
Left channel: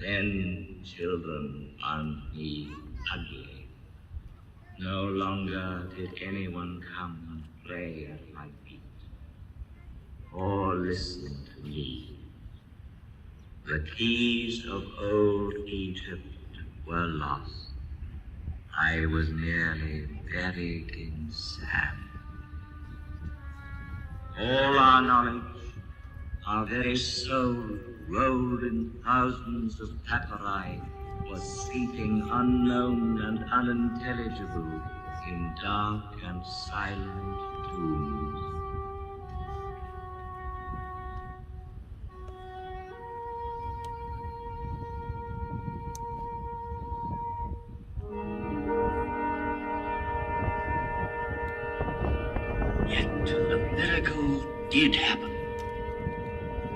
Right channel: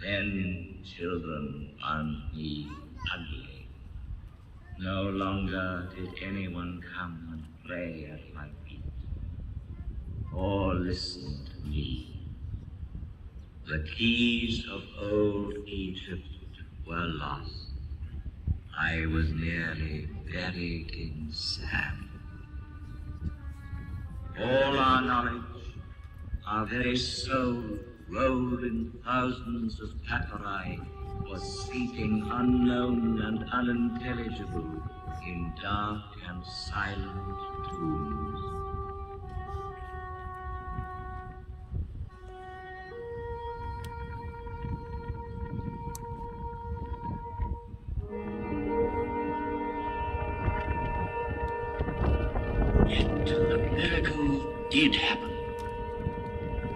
Then children found me ugly. No longer did anyone come and pray at my feet or listen to me. The keys of old Egypt were lost. I was nearly buried in sand. All our knowledge, our very soul, rowed in thousands of papyri, was sleeping unknown and unintelligible in dark and silent tombs. Yet the miracle did happen.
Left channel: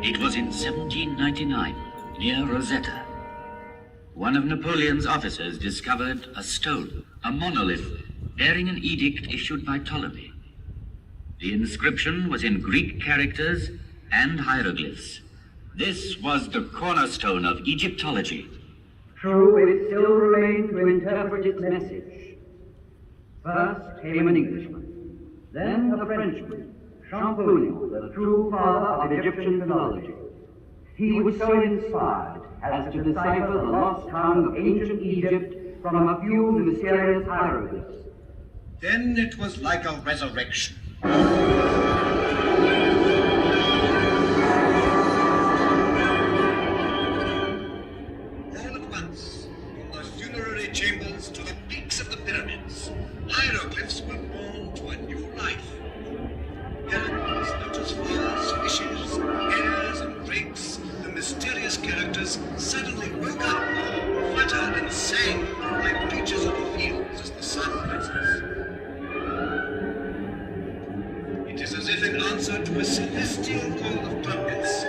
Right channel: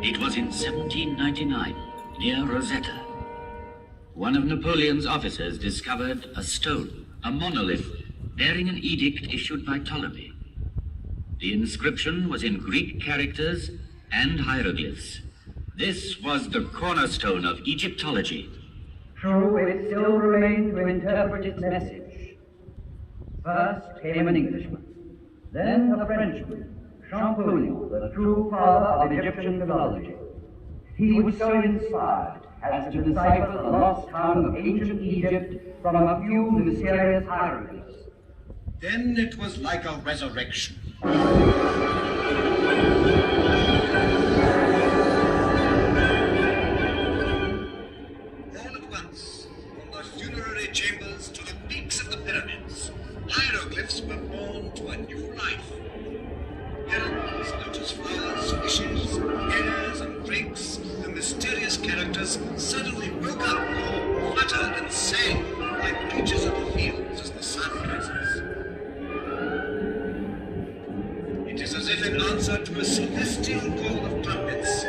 It was in 1799, near Rosetta. One of Napoleon's officers discovered a stone, a monolith, bearing an edict issued by Ptolemy. The inscription was in Greek characters and hieroglyphs. This was the cornerstone of Egyptology. True, it still remained to interpret its message. First came an Englishman, then a Frenchman, Champollion, the true father of Egyptian mythology. He was so inspired as to decipher the lost tongue of ancient Egypt from a few mysterious hieroglyphs. Then it was like a resurrection. All at once, from the funerary chambers to the peaks of the pyramids, hieroglyphs were born to a new life. Herons, lotus flowers, fishes, hares, and drakes, the mysterious characters suddenly woke up, fluttered and sang like creatures of the fields as the sun rises. It is as if in answer to a celestial call of trumpets,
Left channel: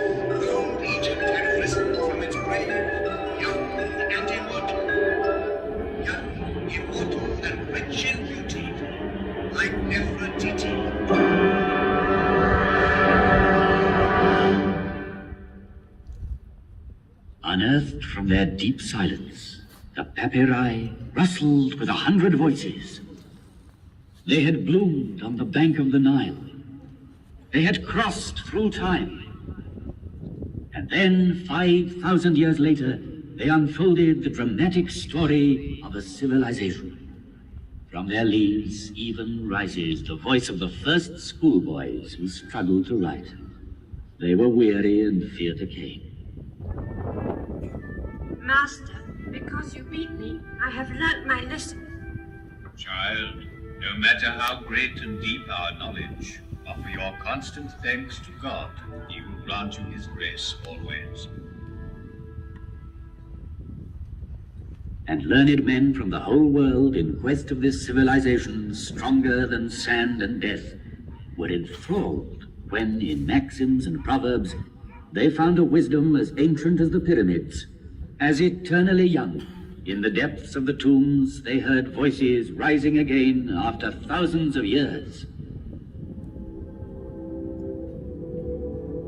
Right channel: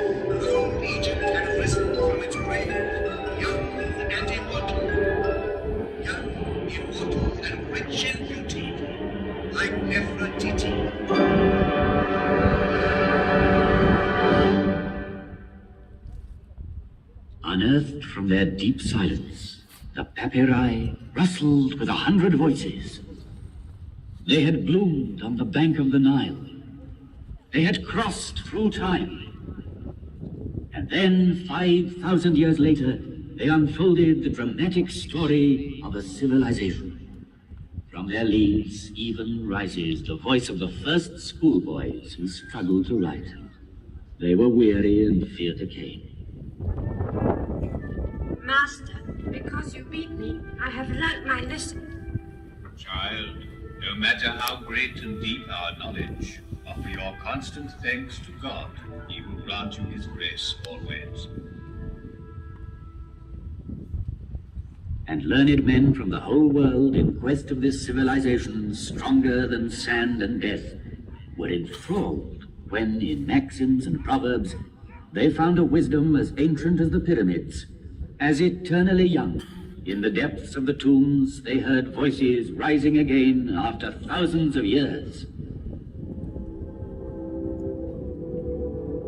old Egypt had risen from its grave, young and immortal. Young, immortal, and rich in beauty, like Nefertiti. Unearthed from their deep silence, the papyri rustled with 100 voices. They had bloomed on the bank of the Nile. They had crossed through time. And then, 5,000 years later, they unfolded the dramatic story of a civilization. From their leaves even rises the voice of the first schoolboys who struggled to write. They were weary and feared the cane. Master, because you beat me, I have learnt my lesson. Child, no matter how great and deep our knowledge, offer your constant thanks to God. He will grant you his grace always. And learned men from the whole world in quest of this civilization stronger than sand and death were enthralled when, in maxims and proverbs, they found a wisdom as ancient as the pyramids, as eternally young. In the depths of the tombs, they heard voices rising again after thousands of years.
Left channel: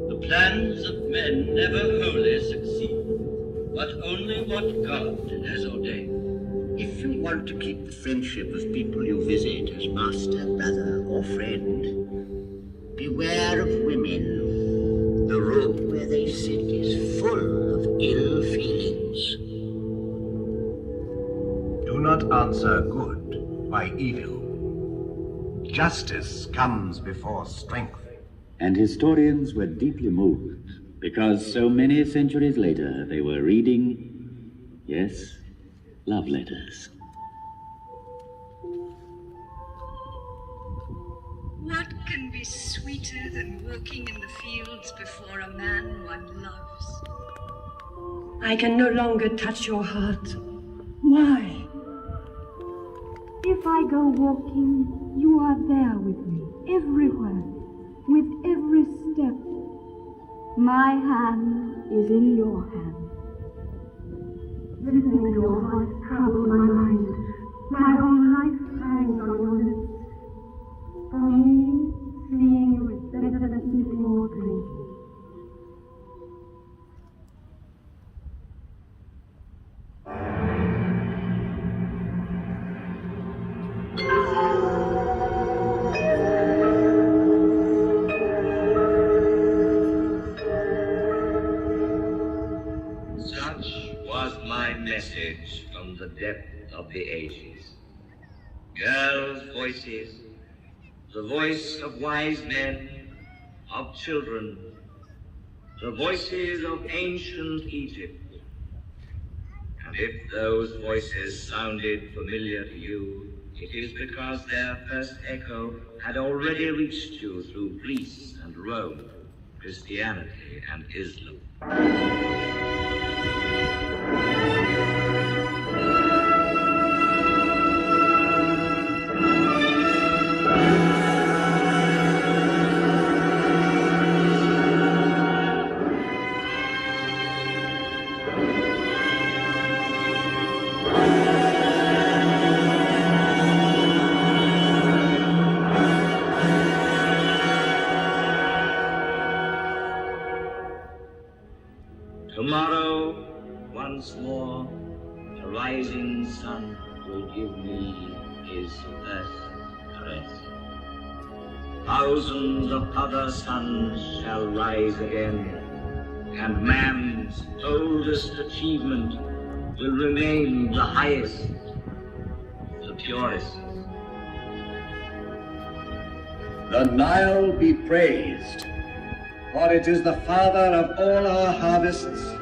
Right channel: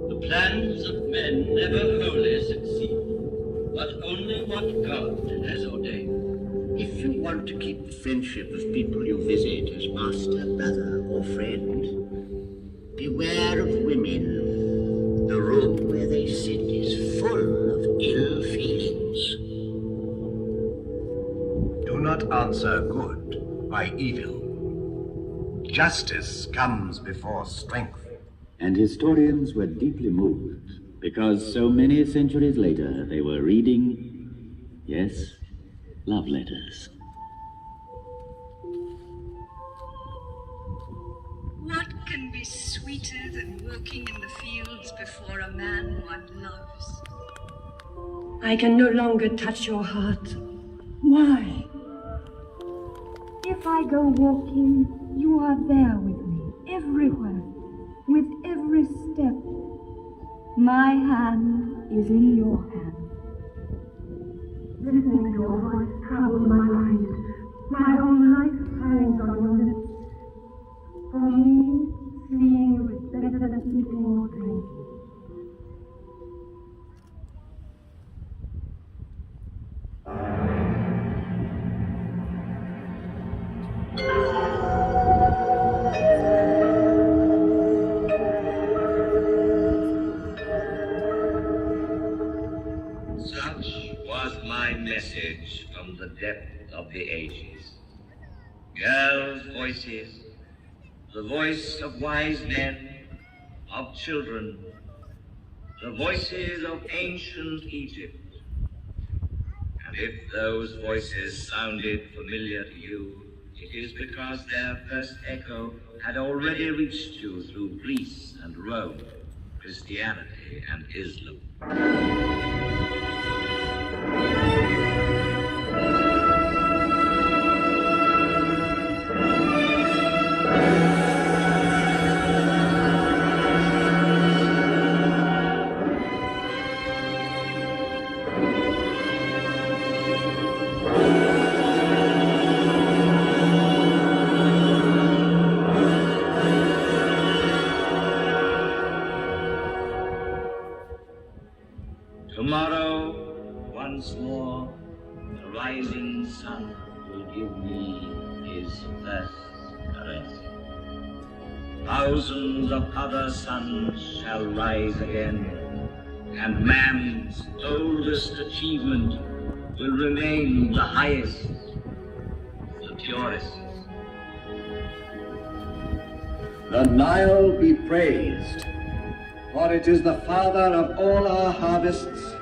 The plans of men never wholly succeed, but only what God has ordained. If you want to keep the friendship of people you visit as master, brother, or friend, beware of women. The room where they sit is full of ill feelings. Do not answer good by evil. Justice comes before strength. And historians were deeply moved, because so many centuries later they were reading, yes, love letters. What can be sweeter than walking in the fields before a man one loves? I can no longer touch your heart. Why? If I go walking, you are there with me, everywhere, with every step. My hand is in your hand. Listening to your voice troubled my mind. My whole life hangs on your lips. For me, seeing you is better than eating or drinking. Such was my message from the depth of the ages. Girls' voices, the voice of wise men, of children, the voices of ancient Egypt. And if those voices sounded familiar to you, it is because their first echo had already reached you through Greece and Rome, Christianity and Islam. Tomorrow, once more, the rising sun will give me his first caress. Thousands of other suns shall rise again, and man's oldest achievement will remain the highest, the purest. The Nile be praised, for it is the father of all our harvests,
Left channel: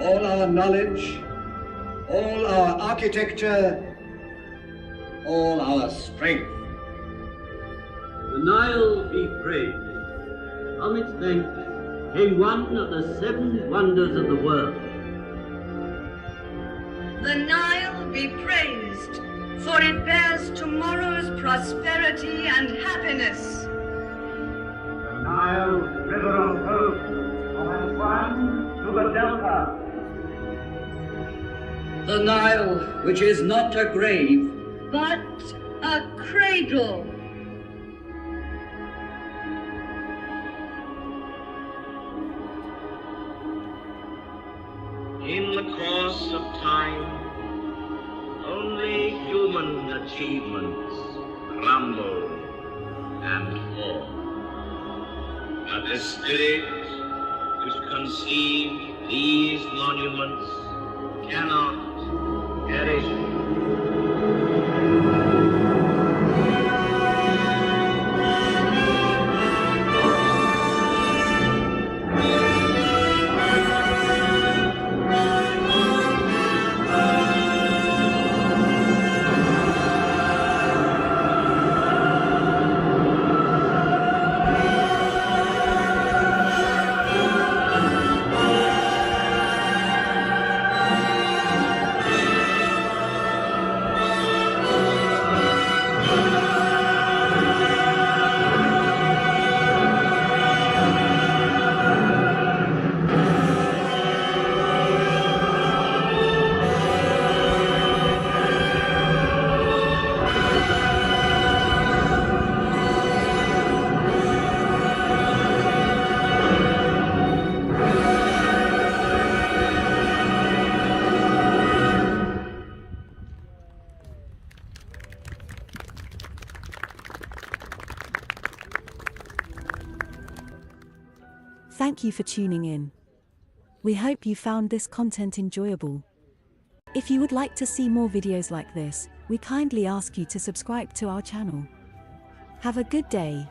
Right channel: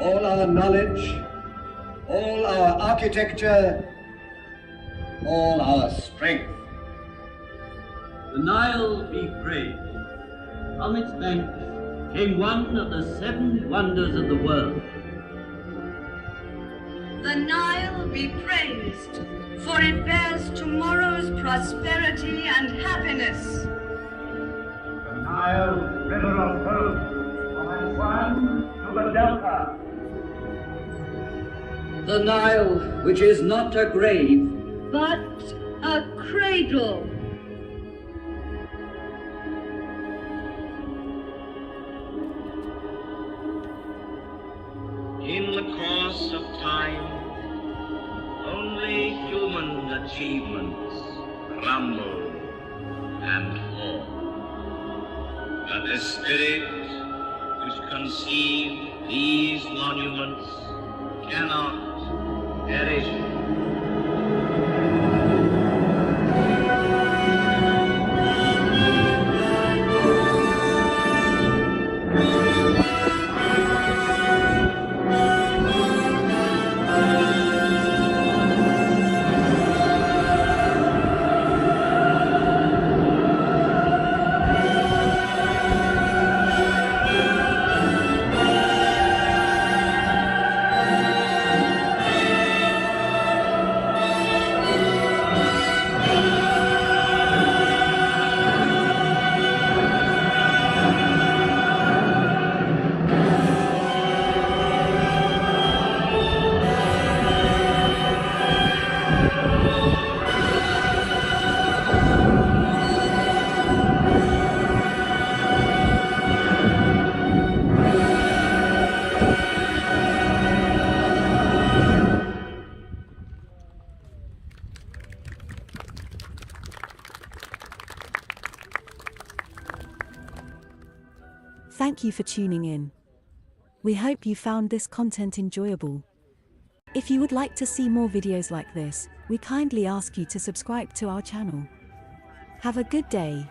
all our knowledge, all our architecture, all our strength. The Nile be praised. From its banks came one of the seven wonders of the world. The Nile be praised, for it bears tomorrow's prosperity and happiness. The Nile, river of hope, from the sun to the delta. The Nile, which is not a grave, but a cradle. In the course of time, only human achievements crumble and fall. But the spirit which conceived these monuments cannot perish. Thank you for tuning in. We hope you found this content enjoyable. If you would like to see more videos like this, we kindly ask you to subscribe to our channel. Have a good day.